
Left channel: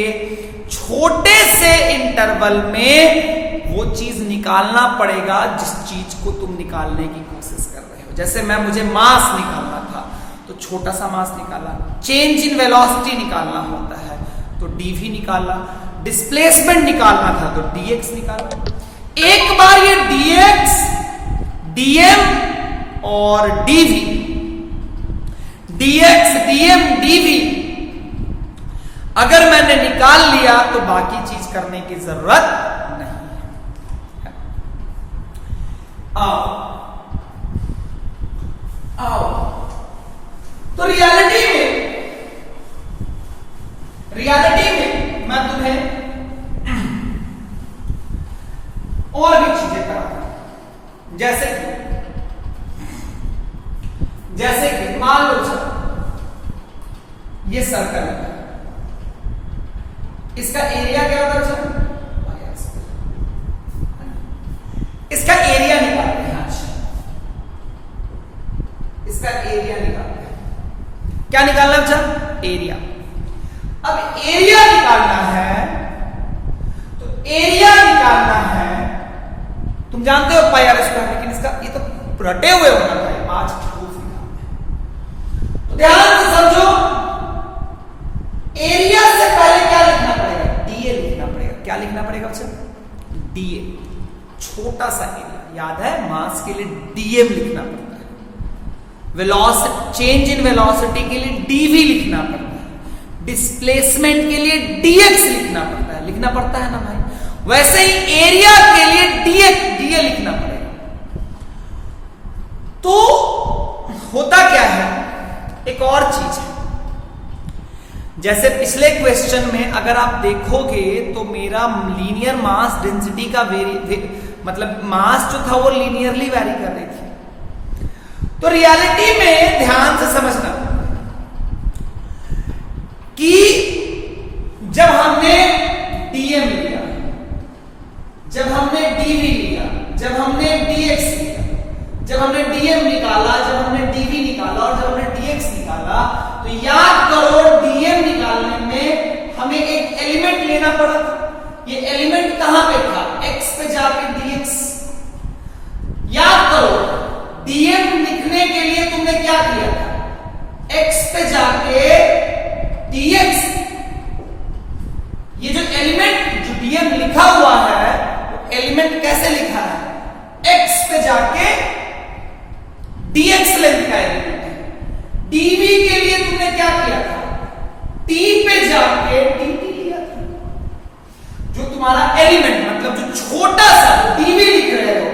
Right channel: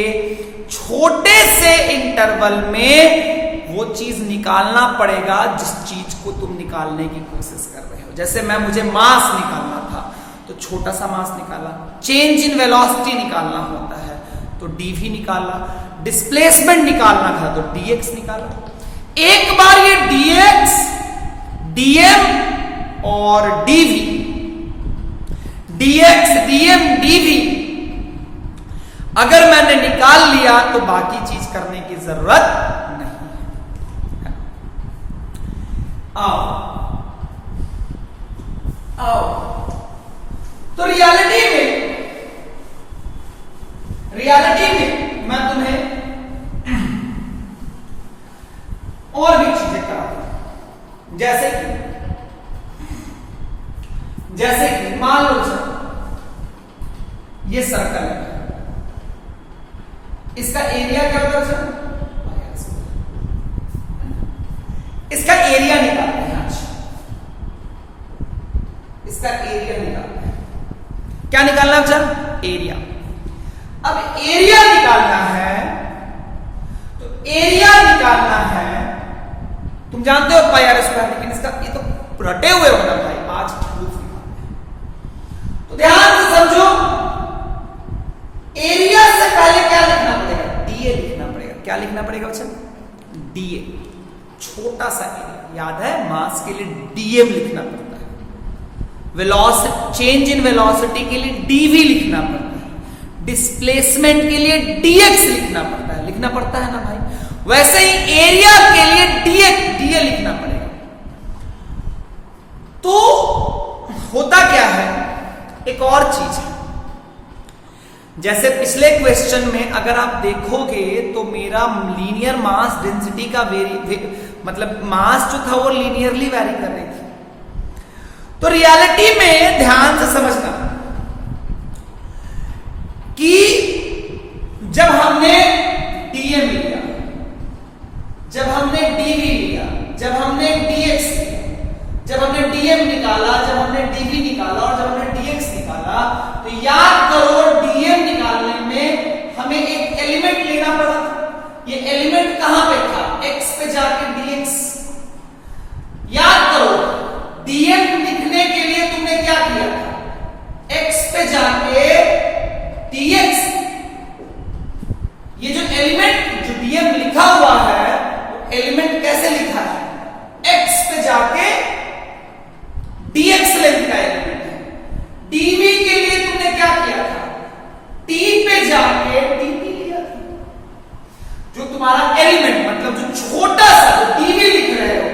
छोटे से इंटरवल में वो चीज निकालना पड़ेगा जिस चीज को तुम निकालने की कोशिश कर रहे हो। जैसे मुझे मास निकालना था तो छोटा सा मास निकाला, चेंज इन वेलोसिटी निकालना होता है तो dv निकाला, डिस्प्लेसमेंट निकालना था तो dx निकाला। एक बार ये dx, dm और dv, dx, dm, dv अगर मैंने निकाल लिया तो बाकी चीज करने की जरूरत नहीं है। आओ तो रियलिटी में मैं तुम्हें और भी चीजें कराऊंगा, जैसे कि मान लो सर ये सर्कल है, इसका एरिया क्या होगा सर? इसका एरिया निकालते हैं। अच्छा, इसका एरिया निकालते हैं। क्या निकालना सर? एरिया। अब एरिया निकालना है तो एरिया निकालना है, तुम जानते हो पाई आर स्क्वायर, लेकिन इसका ये तो रटे हुए होना भाई, आज प्रूफ निकालते हैं। तो ध्यान से समझो, एरिया से पहले क्या लिखना पड़ेगा? डीए लिखना पड़ेगा। क्या लिखना पड़ेगा बच्चे? डीए, छोटा सा एरिया। याद है मास के लिए डीएम लिखना पड़ता है, वेलोसिटी, चेंज इन वेलोसिटी के लिए डीवी लिखना पड़ता है, डिस्प्लेसमेंट के लिए डीएक्स लिखना पड़ता है ना भाई। वैसे ही एरिया के लिए डीए लिखना पड़ेगा। तो होता क्या है, एक और चीज है, जैसे पिछले क्वेश्चन में अगर आप देखोगे तो मेरा लीनियर मास डेंसिटी का मतलब मास जो था वो लीनियरली वेरी कर रही थी। तो रियलिटी में ध्यान से समझना कि जब हमने डीएम लिया, जब हमने डीवी लिया, जब हमने डीएक्स लिया, जब हमने डीएम निकाला, जब हमने डीवी निकाला और जब हमने डीएक्स निकाला, तो याद करो डीएम निकालने में हमें एक एलिमेंट लेना पड़ा था। ये एलिमेंट कहां पे था? एक्स पे जाके डीएक्स। याद करो डीएम लिखने के लिए तुमने क्या किया? एक्स पे जाके डीएक्स। ये जो एलिमेंट जो डीएम लिखा हुआ है वो एलिमेंट कैसे लिखा है? एक्स पे जाके डीएक्स लेंथ का एलिमेंट है। डीवी के लिए तुमने क्या किया था? टी पे जाके डीटी लिया था। जो तुम्हारा एलिमेंट मतलब जो छोटा सा डीवी लिख रहे हो,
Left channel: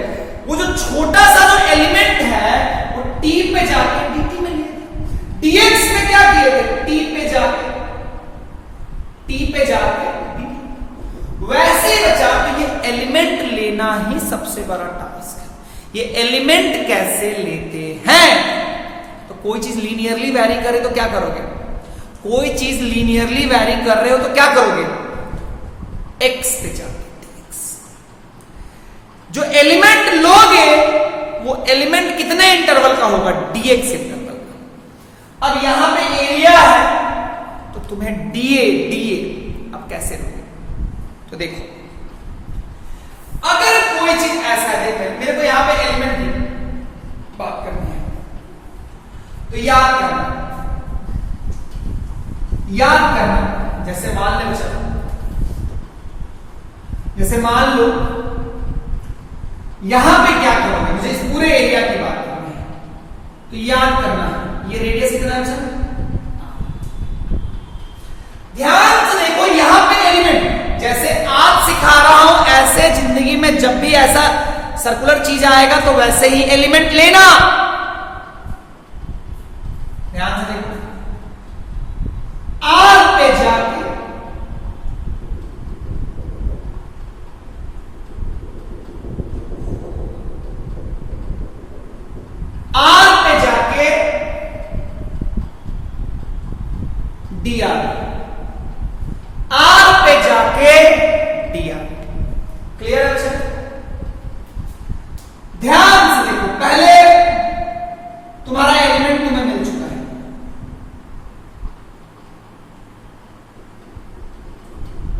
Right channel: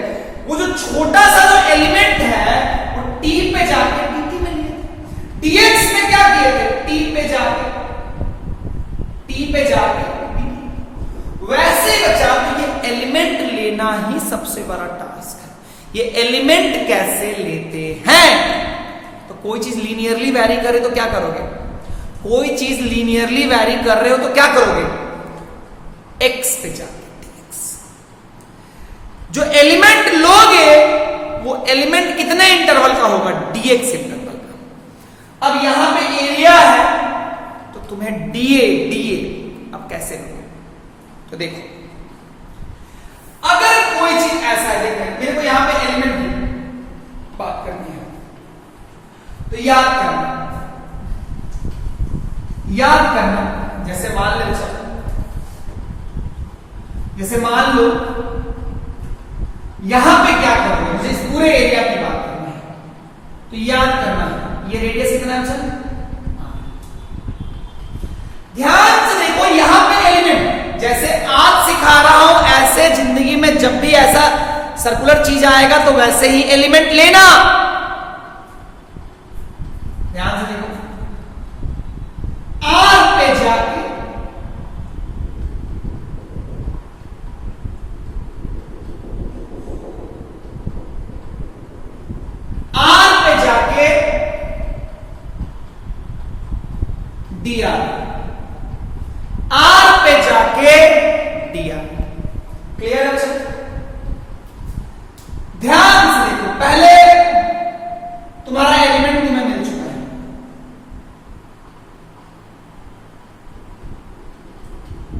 वो जो छोटा सा जो एलिमेंट है वो टी पे जाके डीटी में लिया था। डीएक्स में क्या किए थे? टी पे जाके वैसे ही बचा। तो ये एलिमेंट लेना ही सबसे बड़ा टास्क है। ये एलिमेंट कैसे लेते हैं? तो कोई चीज लीनियरली वैरी करे तो क्या करोगे? कोई चीज लीनियरली वैरी कर रहे हो तो क्या करोगे? एक्स पे जाके डीएक्स। जो एलिमेंट लोगे वो एलिमेंट कितने इंटरवल का होगा? डीएक्स इंटरवल का। अब यहां पे एरिया है तो तुम्हें डीए अब कैसे लोगे? तो देखो, अगर कोई चीज ऐसा है, मेरे को यहां पे एलिमेंट की बात करनी है तो याद करना जैसे मान लो यहां पे क्या करोगे? मुझे इस पूरे एरिया की बात करनी है तो याद करना ये रेडियस कितना है? ध्यान से देखो, यहां पे एलिमेंट, जैसे आज सिखा रहा हूं ऐसे जिंदगी में जब भी ऐसा सर्कुलर चीज आएगा तो वैसे ही एलिमेंट लेना। ध्यान से देखो, आर पे जाके आर पे जाके dr, r पे जाके dr। क्लियर है बच्चा? ध्यान से देखो, पहले तुम्हारा एलिमेंट तुम्हें मिल चुका है,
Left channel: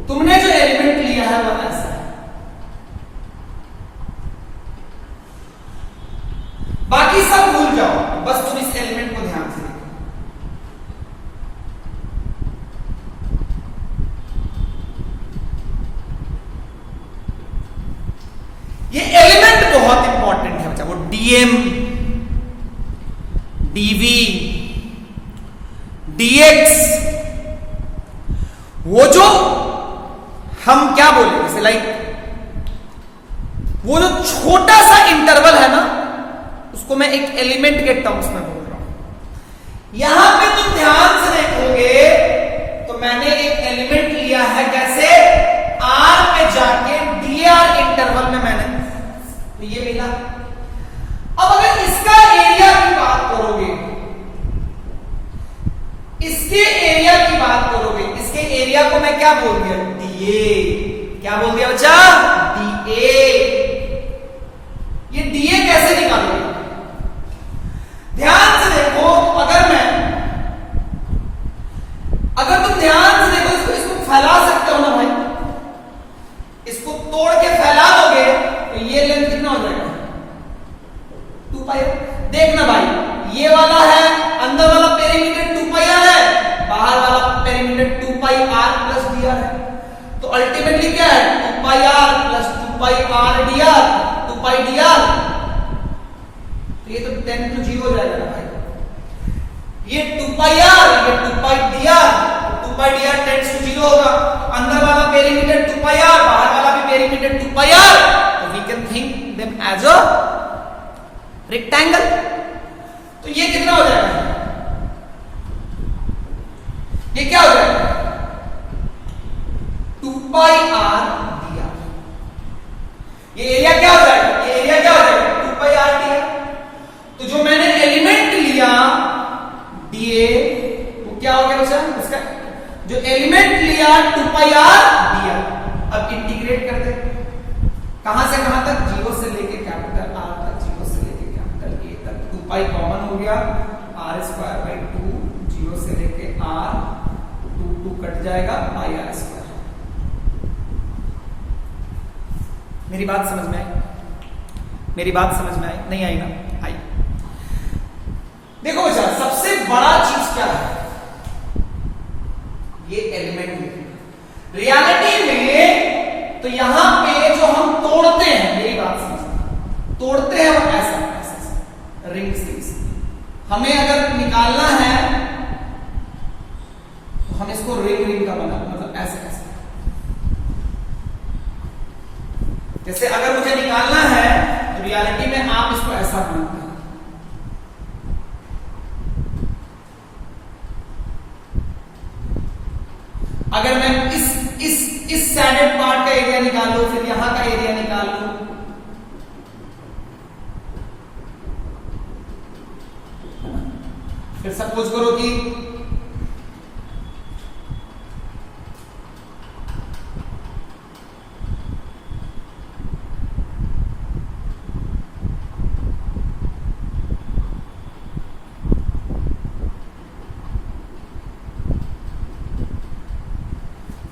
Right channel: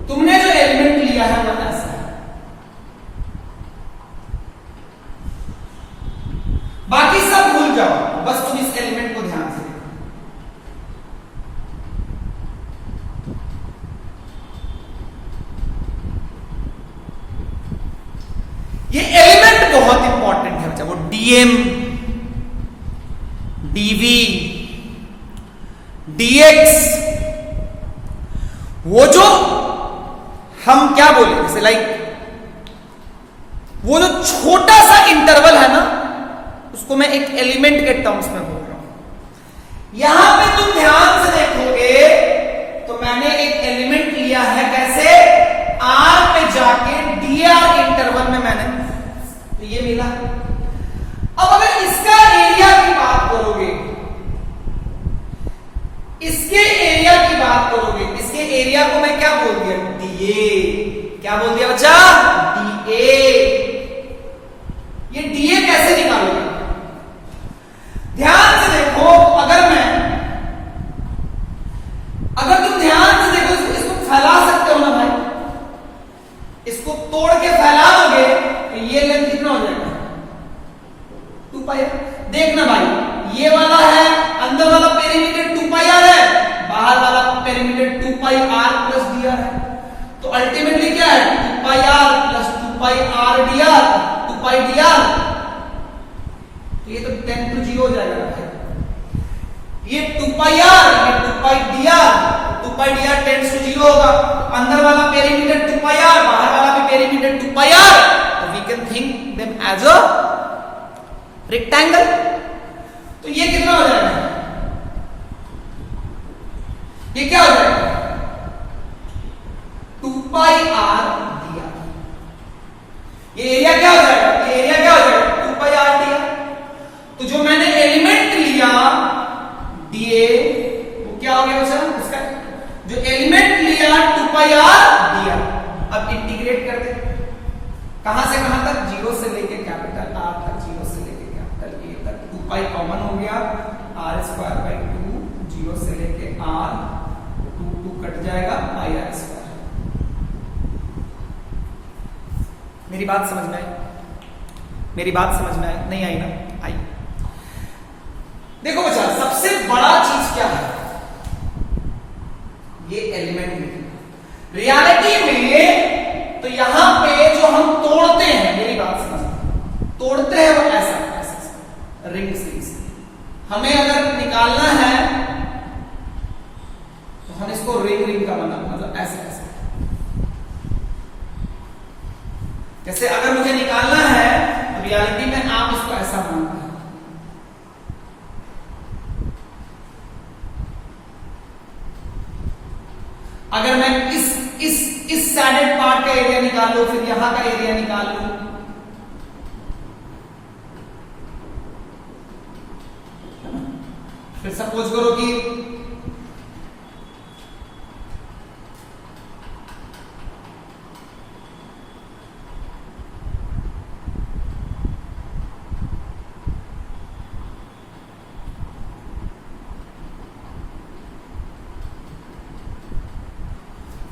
तुमने जो एलिमेंट लिया है वह ऐसा है। बाकी सब भूल जाओ, बस तुम इस एलिमेंट को ध्यान से देखो। ये एलिमेंट बहुत इंपॉर्टेंट है बच्चा, वो डीएम, डीवी, डीएक्स, वो जो हम क्या बोलते हैं, जैसे लाइक वो जो छोटा सा इंटरवल है ना, उसको मैं एक एलिमेंट के टर्म्स में बोल रहा हूं। यहां पे तुम ध्यान से देखोगे तो मैंने एक एलिमेंट लिया है, कैसे? आर पे जाके डीआर इंटरवल में मैंने, तो ये मिला। अब अगर इसका एरिया की बात करोगे, इसके एरिया की बात करोगे, इसके एरिया को मैं क्या बोल दिया? डीए। क्या बोल दिया बच्चा? डीए। ये डीए कैसे निकालोगे? ध्यान से देखो, अगर तुम ध्यान से देखो, इसको फैला सकते हो ना भाई, इसको तोड़ के फैला दोगे तो ये लेंथ कितना हो जाएगा? 2 पाई। देखना भाई, ये वाला है, अंदर वाला पेरीमीटर 2 पाई आर है, बाहर वाला perimeter 2 pi R plus D R है। तो अल्टीमेटली क्या है? 2 pi R plus 2 pi R D R, 2 pi D R. तो ये तो 10 to 0 हो जाएगा भाई। ये 2 पाई आर, ये 2 pi D R, 2 pi D R 10 to 0 होगा। अंदर वाला पेरीमीटर 2 पाई आर, बाहर वाला भी पेरीमीटर 2 पाई आर। तो we can think them as a rectangle. तो ये कितना हो जाएगा? ये क्या हो जाएगा? 2 पाई आर डी आर। ये एरिया क्या हो जाएगा? ये एरिया क्या हो जाएगा? 2 पाई आर डी आर। तो जो मैंने एलिमेंट लिया डीए, वो क्या हो गया बच्चा? इसका जो एलिमेंट लिया 2 पाई आर डी आर। अब इंटीग्रेट करते हैं, कहां से कहां तक? 0 से लेके कैपिटल आर तक, 0 से लेके कैपिटल ए तक। 2 पाई कॉमन हो गया, आर स्क्वायर बाई 2, 0 से लेके आर, 2 कट जाएगा, पाई आर स्क्वायर। मेरी बात समझ में आई? मेरी बात समझ में आई? नहीं आई ना? आई। देखो बच्चा, सबसे बड़ा चीज क्या है? ये एलिमेंट। रियलिटी में तो यहां पे जो हम तोड़ते हैं, मेरी बात समझना, तोड़ते हैं वो ऐसा रिंग से। हमें अगर निकालना है तो हम इसको रिंग का बना, मतलब ऐसे ऐसे। जैसे अगर मुझे निकालना है तो रियलिटी में आप इसको ऐसा बनाते हैं। अगर मैं इस सैडेड पार्ट का एरिया निकाल लूं, फिर यहां का एरिया निकाल लूं, फिर सपोज करो कि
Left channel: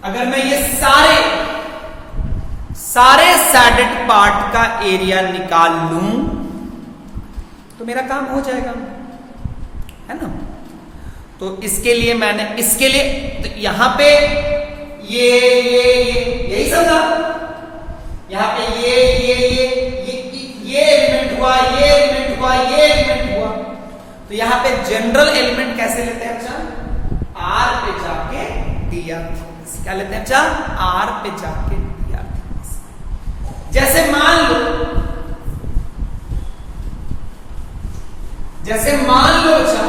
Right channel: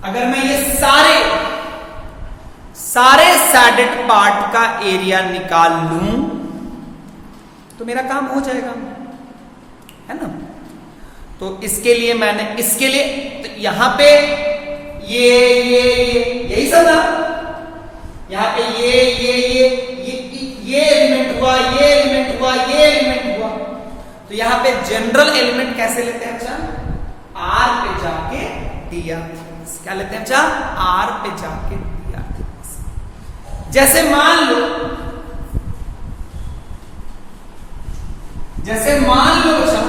अगर मैं ये सारे सैडेड पार्ट का एरिया निकाल लूं तो मेरा काम हो जाएगा, है ना? तो इसके लिए मैंने, इसके लिए तो यहां पे ये यही सब ना, यहां पे ये एलिमेंट हुआ, ये एलिमेंट हुआ, ये एलिमेंट हुआ। तो यहां पे जनरल एलिमेंट कैसे लेते हैं बच्चा? आर पे जाके डी आर। क्या लेते हैं बच्चा? आर पे जाके डी आर। जैसे मान लो बच्चा,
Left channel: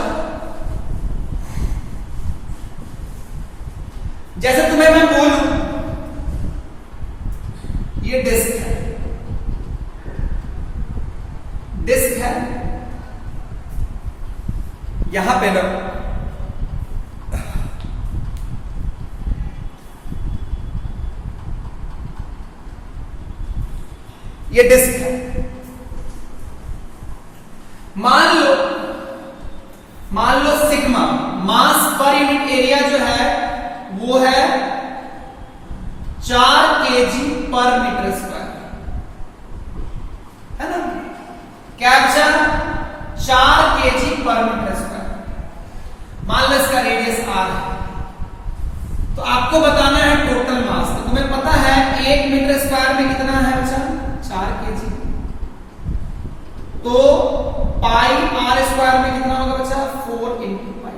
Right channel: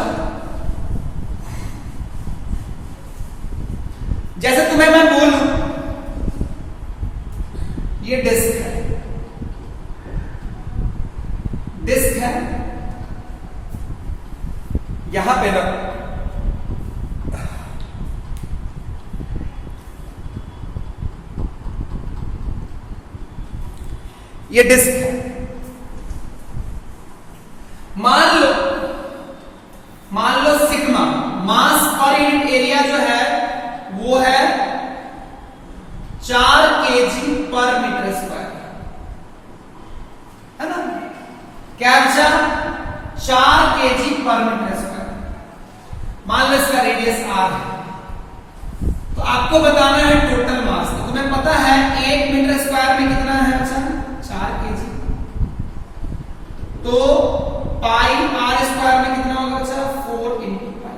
जैसे तुम्हें मैं बोलूं ये डिस्क है, यहां पे ना ये डिस्क है। मान लो सिग्मा मास पर यूनिट एरिया जो है वो है 4 kg पर मीटर स्क्वायर, है ना। कैप्चर 4 kg पर मीटर स्क्वायर। मान लो इसका रेडियस r है, तो आपको बताना है टोटल मास। तो तुम्हें पता है 1 मीटर स्क्वायर में कितना है बच्चा, 4 kg। तो पाई r स्क्वायर में कितना होगा बच्चा, 4 इंटू पाई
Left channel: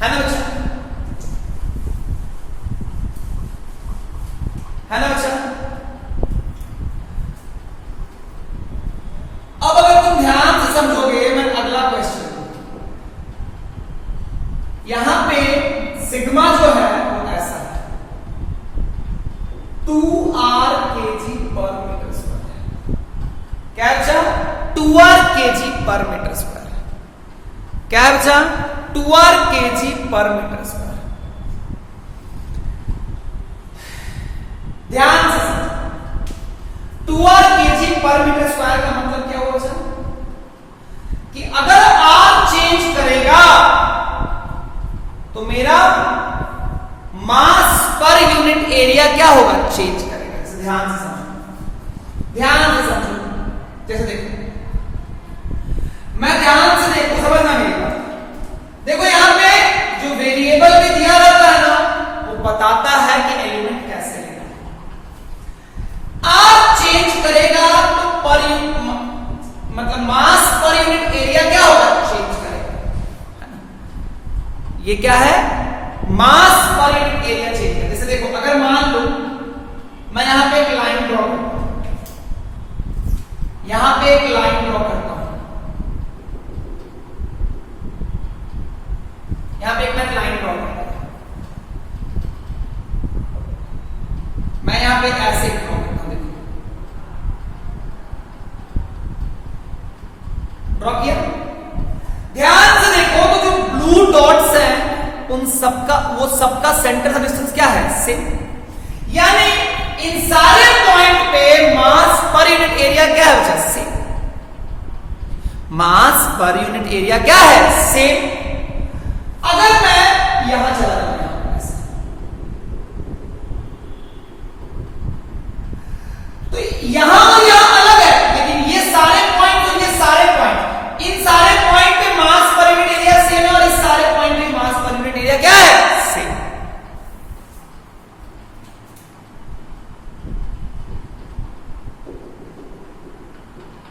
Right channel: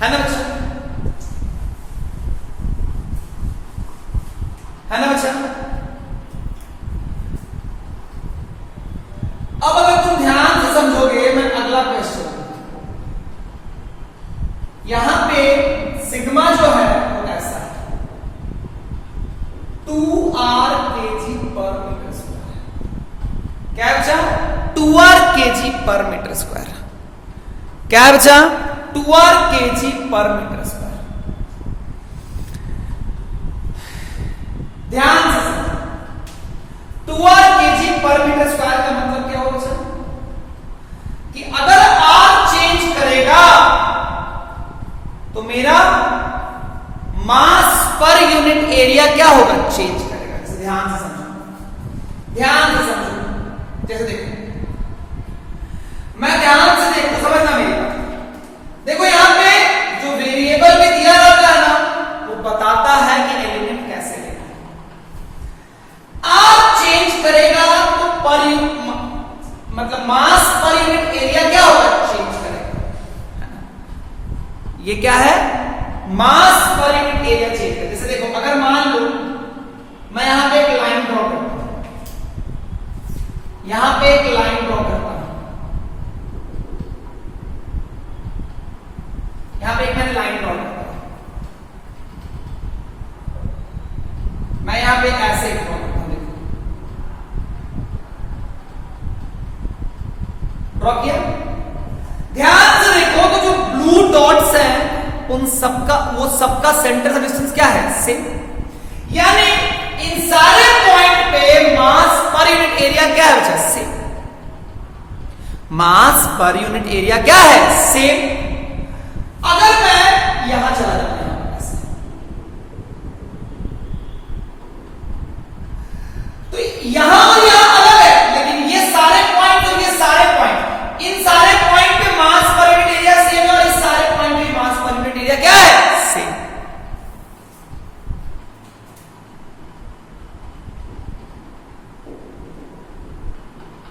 है ना बच्चा, है ना बच्चा। अब अगर तुम ध्यान से समझोगे, मैं अगला क्वेश्चन, यहां पे सिग्मा जो है वो ऐसा है 2r kg पर मीटर स्क्वायर। क्या बचा, 2r kg पर मीटर स्क्वायर। क्या बचा, 2r kg पर मीटर स्क्वायर। ध्यान से समझो, 2r kg पर मीटर स्क्वायर का मतलब क्या होगा सर, कि अगर r चेंज करेगा तो मेरा मास पर यूनिट एरिया क्या होगा, चेंज करेगा। इसे ध्यान से समझो, ध्यान से समझो। जैसे देखो, मैं ध्यान से देखो, समझना मेरी बात। देखो यहां पे जो वेरिएबल भी दिया रहता है ना, वो बताता है कि एलिमेंट कैसे लेना है। r चेंज करेगा तो पर मतलब मास पर यूनिट एरिया क्या होगा, चेंज करेगा। ये क्या है, मास पर यूनिट एरिया चेंज करेगा। जैसे देखो, अगर मान लो मैं यहां पे एक लाइन ड्रॉ करता हूं, यहां पे एक लाइन ड्रॉ करता हूं, यहां पे एक मैं लाइन ड्रॉ करता हूं, मैं यहां पे ऐसे ड्रॉ करता हूं, देखो ड्रॉ किया। ध्यान से देखो तो जो ब्लू डॉट्स हैं उन सबका, वो सबका सेंटर डिस्टेंस क्या है, सेम। यानी इन सारे पॉइंट पे मास पर यूनिट एरिया क्या है बच्चा, सेम। मास पर यूनिट एरिया क्या है, सेम। अगर मैं यहां चला जाता हूं ऐसे, तो यहां और यहां अलग है, लेकिन ये सारे पॉइंट और ये सारे पॉइंट, इन सारे पॉइंट पे मास पर यूनिट एरिया सेम है, और इस सारे पॉइंट पे मास पर यूनिट एरिया क्या है, सेम।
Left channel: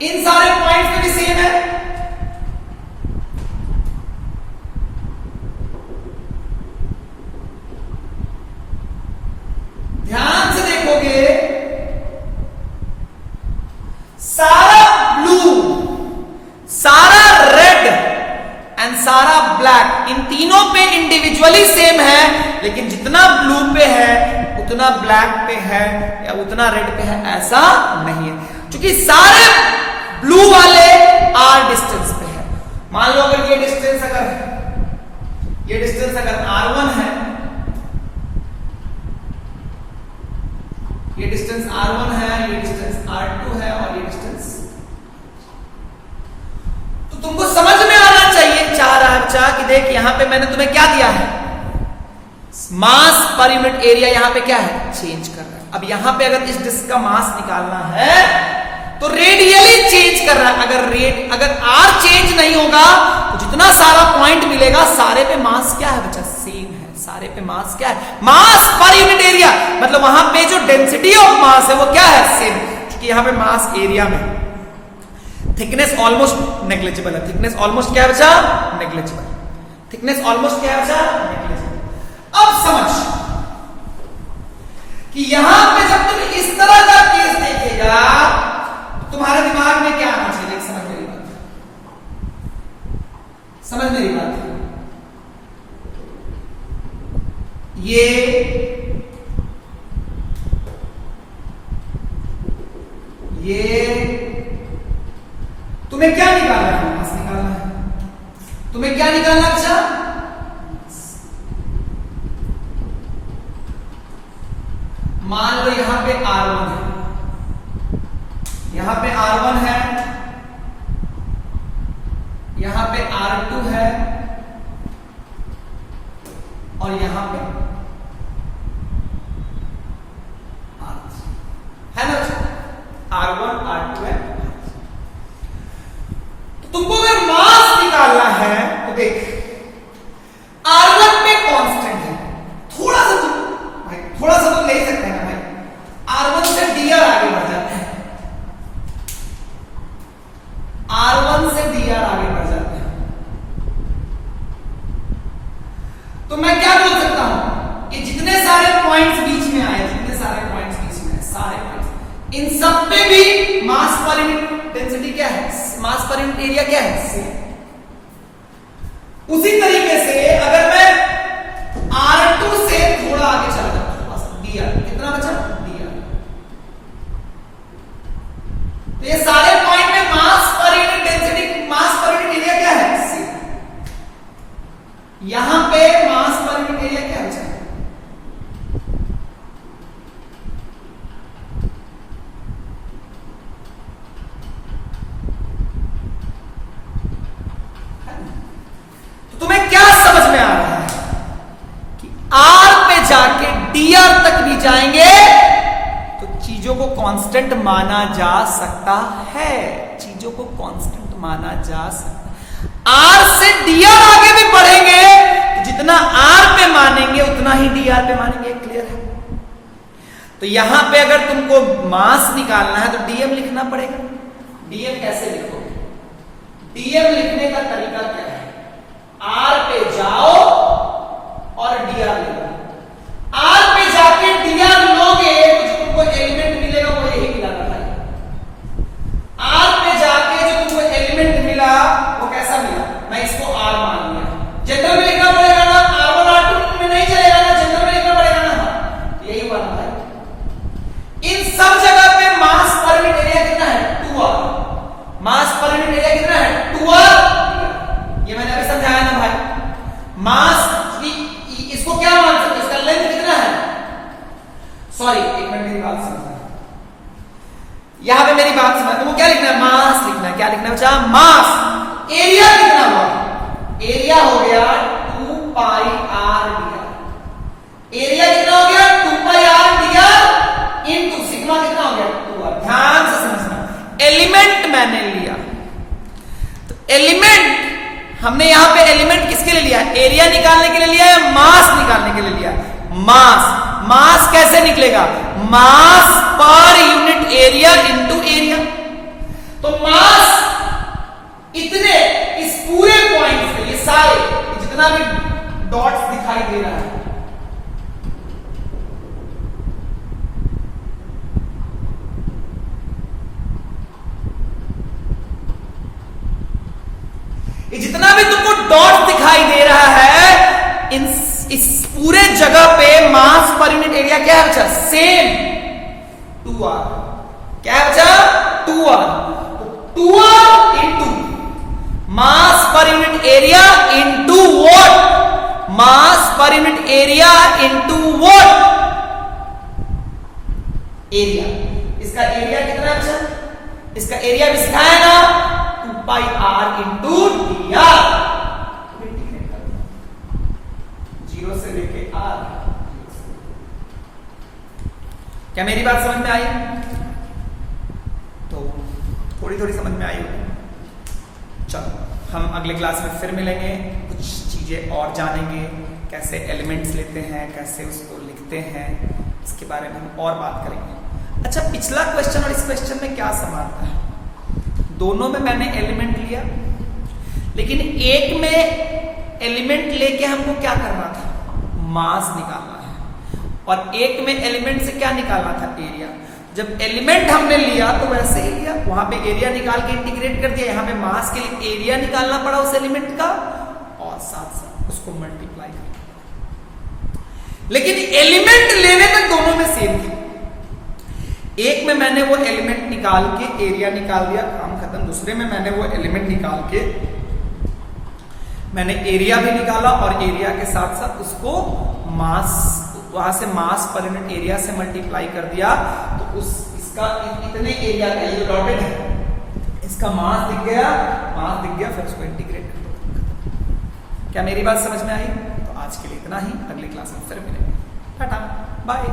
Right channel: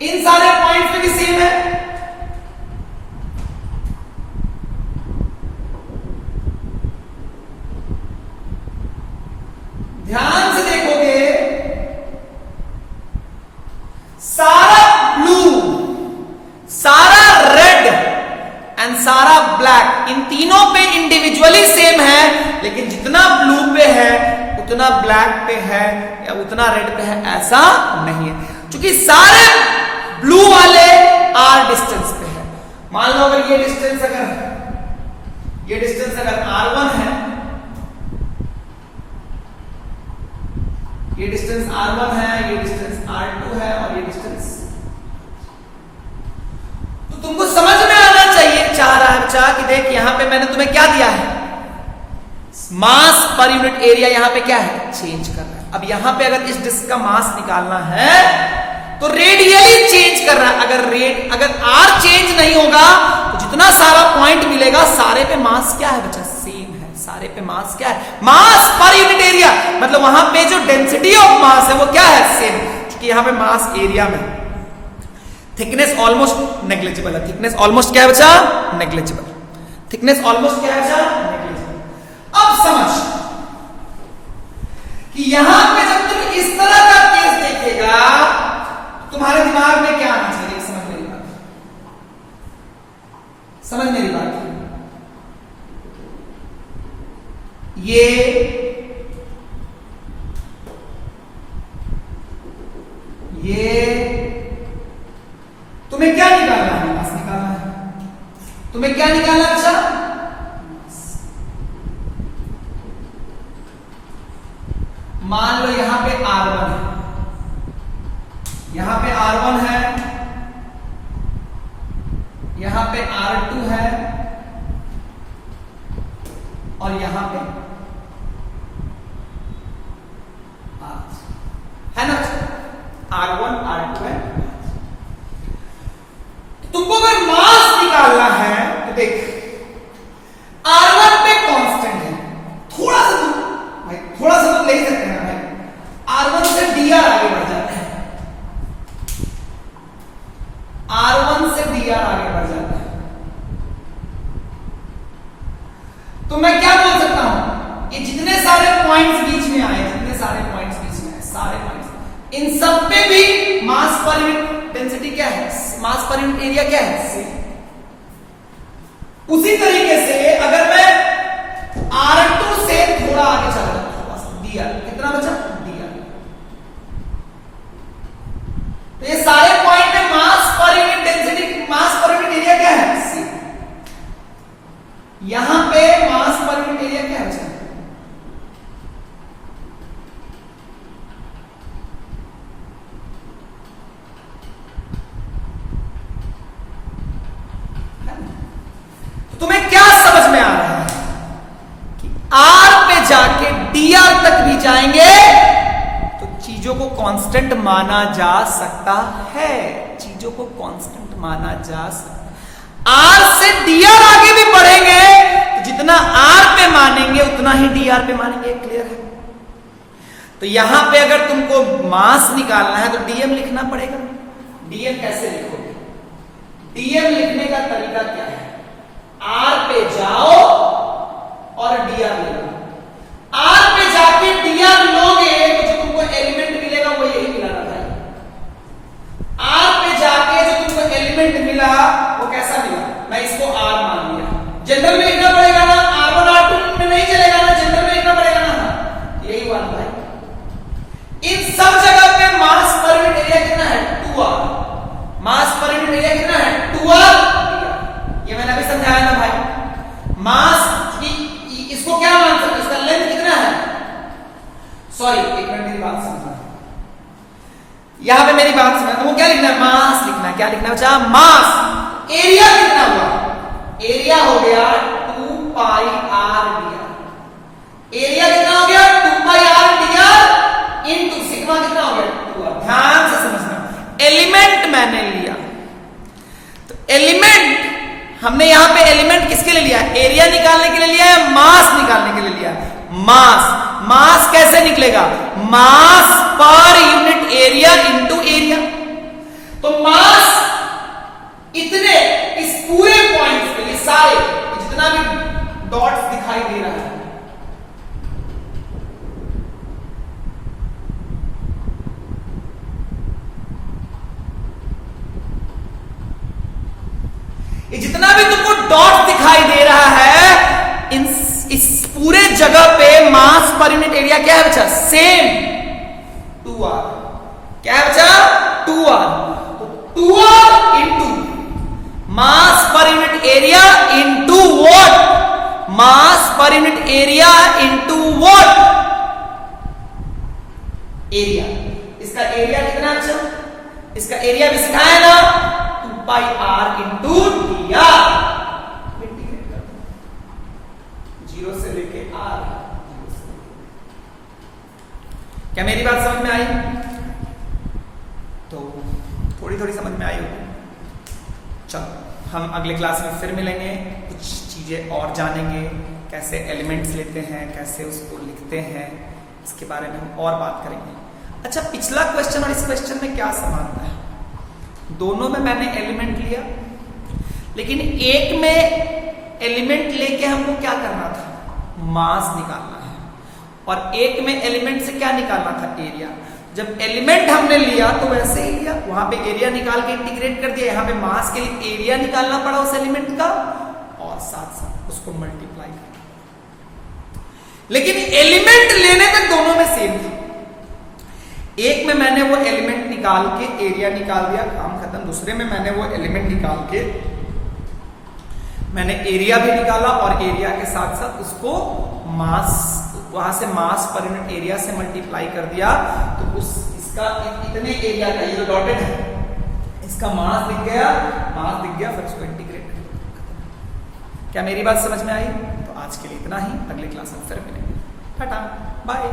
इन सारे पॉइंट पे भी सेम है। ध्यान से देखोगे, सारा ब्लू, सारा रेड एंड सारा ब्लैक, इन तीनों पे इंडिविजुअली सेम है, लेकिन जितना ब्लू पे है उतना ब्लैक पे है या उतना रेड पे है, ऐसा नहीं है। क्योंकि सारे ब्लू वाले r डिस्टेंस पे है। मान लो अगर ये डिस्टेंस अगर r1 है, ये डिस्टेंस r1 है, ये डिस्टेंस r2 है, और ये डिस्टेंस, तो तुमको समझ में आना चाहिए, चाह रहा है बच्चा कि देख यहां पे मैंने तुम्हें क्या दिया है, मास पर यूनिट एरिया यहां पे क्या है, चेंज कर रहा है। अब यहां पे अगर इस डिस्क का मास निकालना है तो रेडियली चेंज कर रहा है। अगर r चेंज नहीं होगा तो जितना सारा पॉइंट मिलेगा सारे पे मास क्या है बच्चा, सेम है। सारे पे मास क्या है, मास पर यूनिट एरिया, मतलब वहां पे जो डेंसिटी ऑफ मास है वो क्या है, सेम। क्योंकि यहां पे मास एरिया में थिकनेस ऑलमोस्ट नेग्लिजिबल है। थिकनेस ऑलमोस्ट क्या है बच्चा, नेग्लिजिबल। थिकनेस ऑलमोस्ट क्या है बच्चा, नेग्लिजिबल। अब समझ कि यहां पे जब तुम इस तरह का केस देखेगा तुम्हारे दिमाग में क्या आना चाहिए, समझ मेरी बात, समझ मेरी बात। ये तुम्हें क्या निकालना है, मास निकालना है। तुम्हें क्या निकालना है अच्छा, मान लो यहां पे R1 है, यहां पे R1 है, यहां पे R2 है और यहां पे है ना, R1 R2 है। तुमको अगर मास निकालना है तो देख R1 पे कांस्टेंट है, थोड़ा सा तुम ले सकते हैं भाई, R1 से dr आगे बढ़ जाता है, R1 से dr आगे बढ़ जाता है। तो मैं क्या बोल सकता हूं कि जितने सारे पॉइंट्स बीच में आए, जितने सारे पॉइंट्स बीच में आए, सारे पॉइंट्स, इन सब पे भी मास पर यूनिट डेंसिटी क्या है, मास पर यूनिट एरिया क्या है, सेम। उसी तरीके से अगर मैं R2 से थोड़ा आगे चला दिया, कितना बचा, दिया, तो ये सारे पॉइंट में मास पर यूनिट डेंसिटी, मास पर यूनिट एरिया क्या है, सेम। यहां पे मास पर यूनिट एरिया क्या है, तुम्हें क्या समझ में आ रहा है कि R पे जाके dr तक भी जाएंगे तो चीजों को कांस्टेंट माना जा सकता है, चीजों को कांस्टेंट माना जा सकता है। R से dr आगे भी बढ़ेंगे तो जितना R पे मानेंगे उतना ही dr पे मानेंगे, क्लियर है। तो यहां पे अगर तुमको मास निकालना है तो dm लिखना पड़ेगा। dm कैसे लिखोगे, dm लिखने का तरीका क्या है, R पे जाओ और dr ले लो, R पे जाके dr लोगे तो जो तुमको एलिमेंट मिलेगा वो यही मिला था। R पे जाके जो तुमको एलिमेंट मिला वो कैसा मिला, मैं इसको R मान लिया, जनरल में लिखना पड़ेगा ना, R1 R2 में नहीं चलेगा ना, जनरल में लिखना पड़ेगा ना, यही हुआ ना भाई। इन सब जगह पे मास पर यूनिट एरिया कितना है, 2r, मास पर यूनिट एरिया कितना है, 2r। ये मैंने अभी समझाया ना भाई, मास इसको क्या मान सकते, इसका लेंथ कितना है, सॉरी एक मिनट मेरी बात समझना, यहां पे मेरी बात समझना, वो क्या लिखना है, मास लिखना है, क्या लिखना है बच्चा, मास। एरिया कितना हुआ, एरिया हो गया 2 पाई r dr, एरिया कितना हो गया 2 पाई r dr इनटू सिग्मा कितना हो गया 2r। ध्यान से समझना, एलिमेंट मैंने लिया तो एलिमेंट हमने यहां पे एलिमेंट किसके लिए लिया, एरिया निकालने के लिए लिया है, मास निकालने के लिए लिया है, मास। मास कैसे निकलेगा, मास per unit area into area. तो मास इतने इस पूरे पॉइंट पे, ये सारे जितना भी डॉट्स दिखाई दे रहा है, ये जितना भी तुमको डॉट दिखाई दे रहा है, इस पूरे जगह पे मास पर यूनिट एरिया क्या है बच्चा, सेम 2r। क्या है बच्चा, 2r। 2r into mass per unit area into what, mass per unit area into what, area. इसका एरिया कितना है बच्चा, इसका एरिया भी सिखाया ना, 2 पाई r इंटू dr। जीरो से लेके r, क्या मेरी बात समझ में आई, तो थोड़ी थोड़ी समझ में आई होगी। चलो हम अगले क्लास में फिर मिलेंगे, कुछ चीजें और जानेंगे, कैसे एलिमेंट्स लेते हैं, कैसे उसको लिखते हैं, इसके बारे में हम और बात करेंगे। अच्छा, पिछला क्वेश्चन और इस क्वेश्चन में क्या समानता है, दोनों में मैंने एलिमेंट लिया, लेकिन एक में एलिमेंट लेके हमको क्या करना था, मास निकालना है, और एक में एलिमेंट से क्या निकालना था, एरिया। जब एलिमेंट हमने लिया तो वैसे ही लिया, वहां पे एरिया निकाल के इंटीग्रेट कर दिया, यहां पे मास के लिए एरिया निकालना पड़ा उस एलिमेंट का और साथ साथ उसको मल्टीप्लाई कर। लेकिन एलिमेंट लेने तक दोनों में सेम था, एक में मैंने वो एलिमेंट निकाल के एरिया निकाल दिया, काम खत्म। दूसरे में मैंने वो एलिमेंट निकाल के मैंने एरिया भी निकाला और एरिया के साथ साथ उसको मास वहां से मास पर यूनिट एरिया से मल्टीप्लाई कर दिया तो इसका इतने एरिया का ये जो डॉटेड है इसका मास दिख गया फिर उसको इंटीग्रेट कर दो। क्या मेरी बात समझ में आई? तो आज के लिए इतना ही, अगले क्लास में फिर मिलेंगे। Tata bye.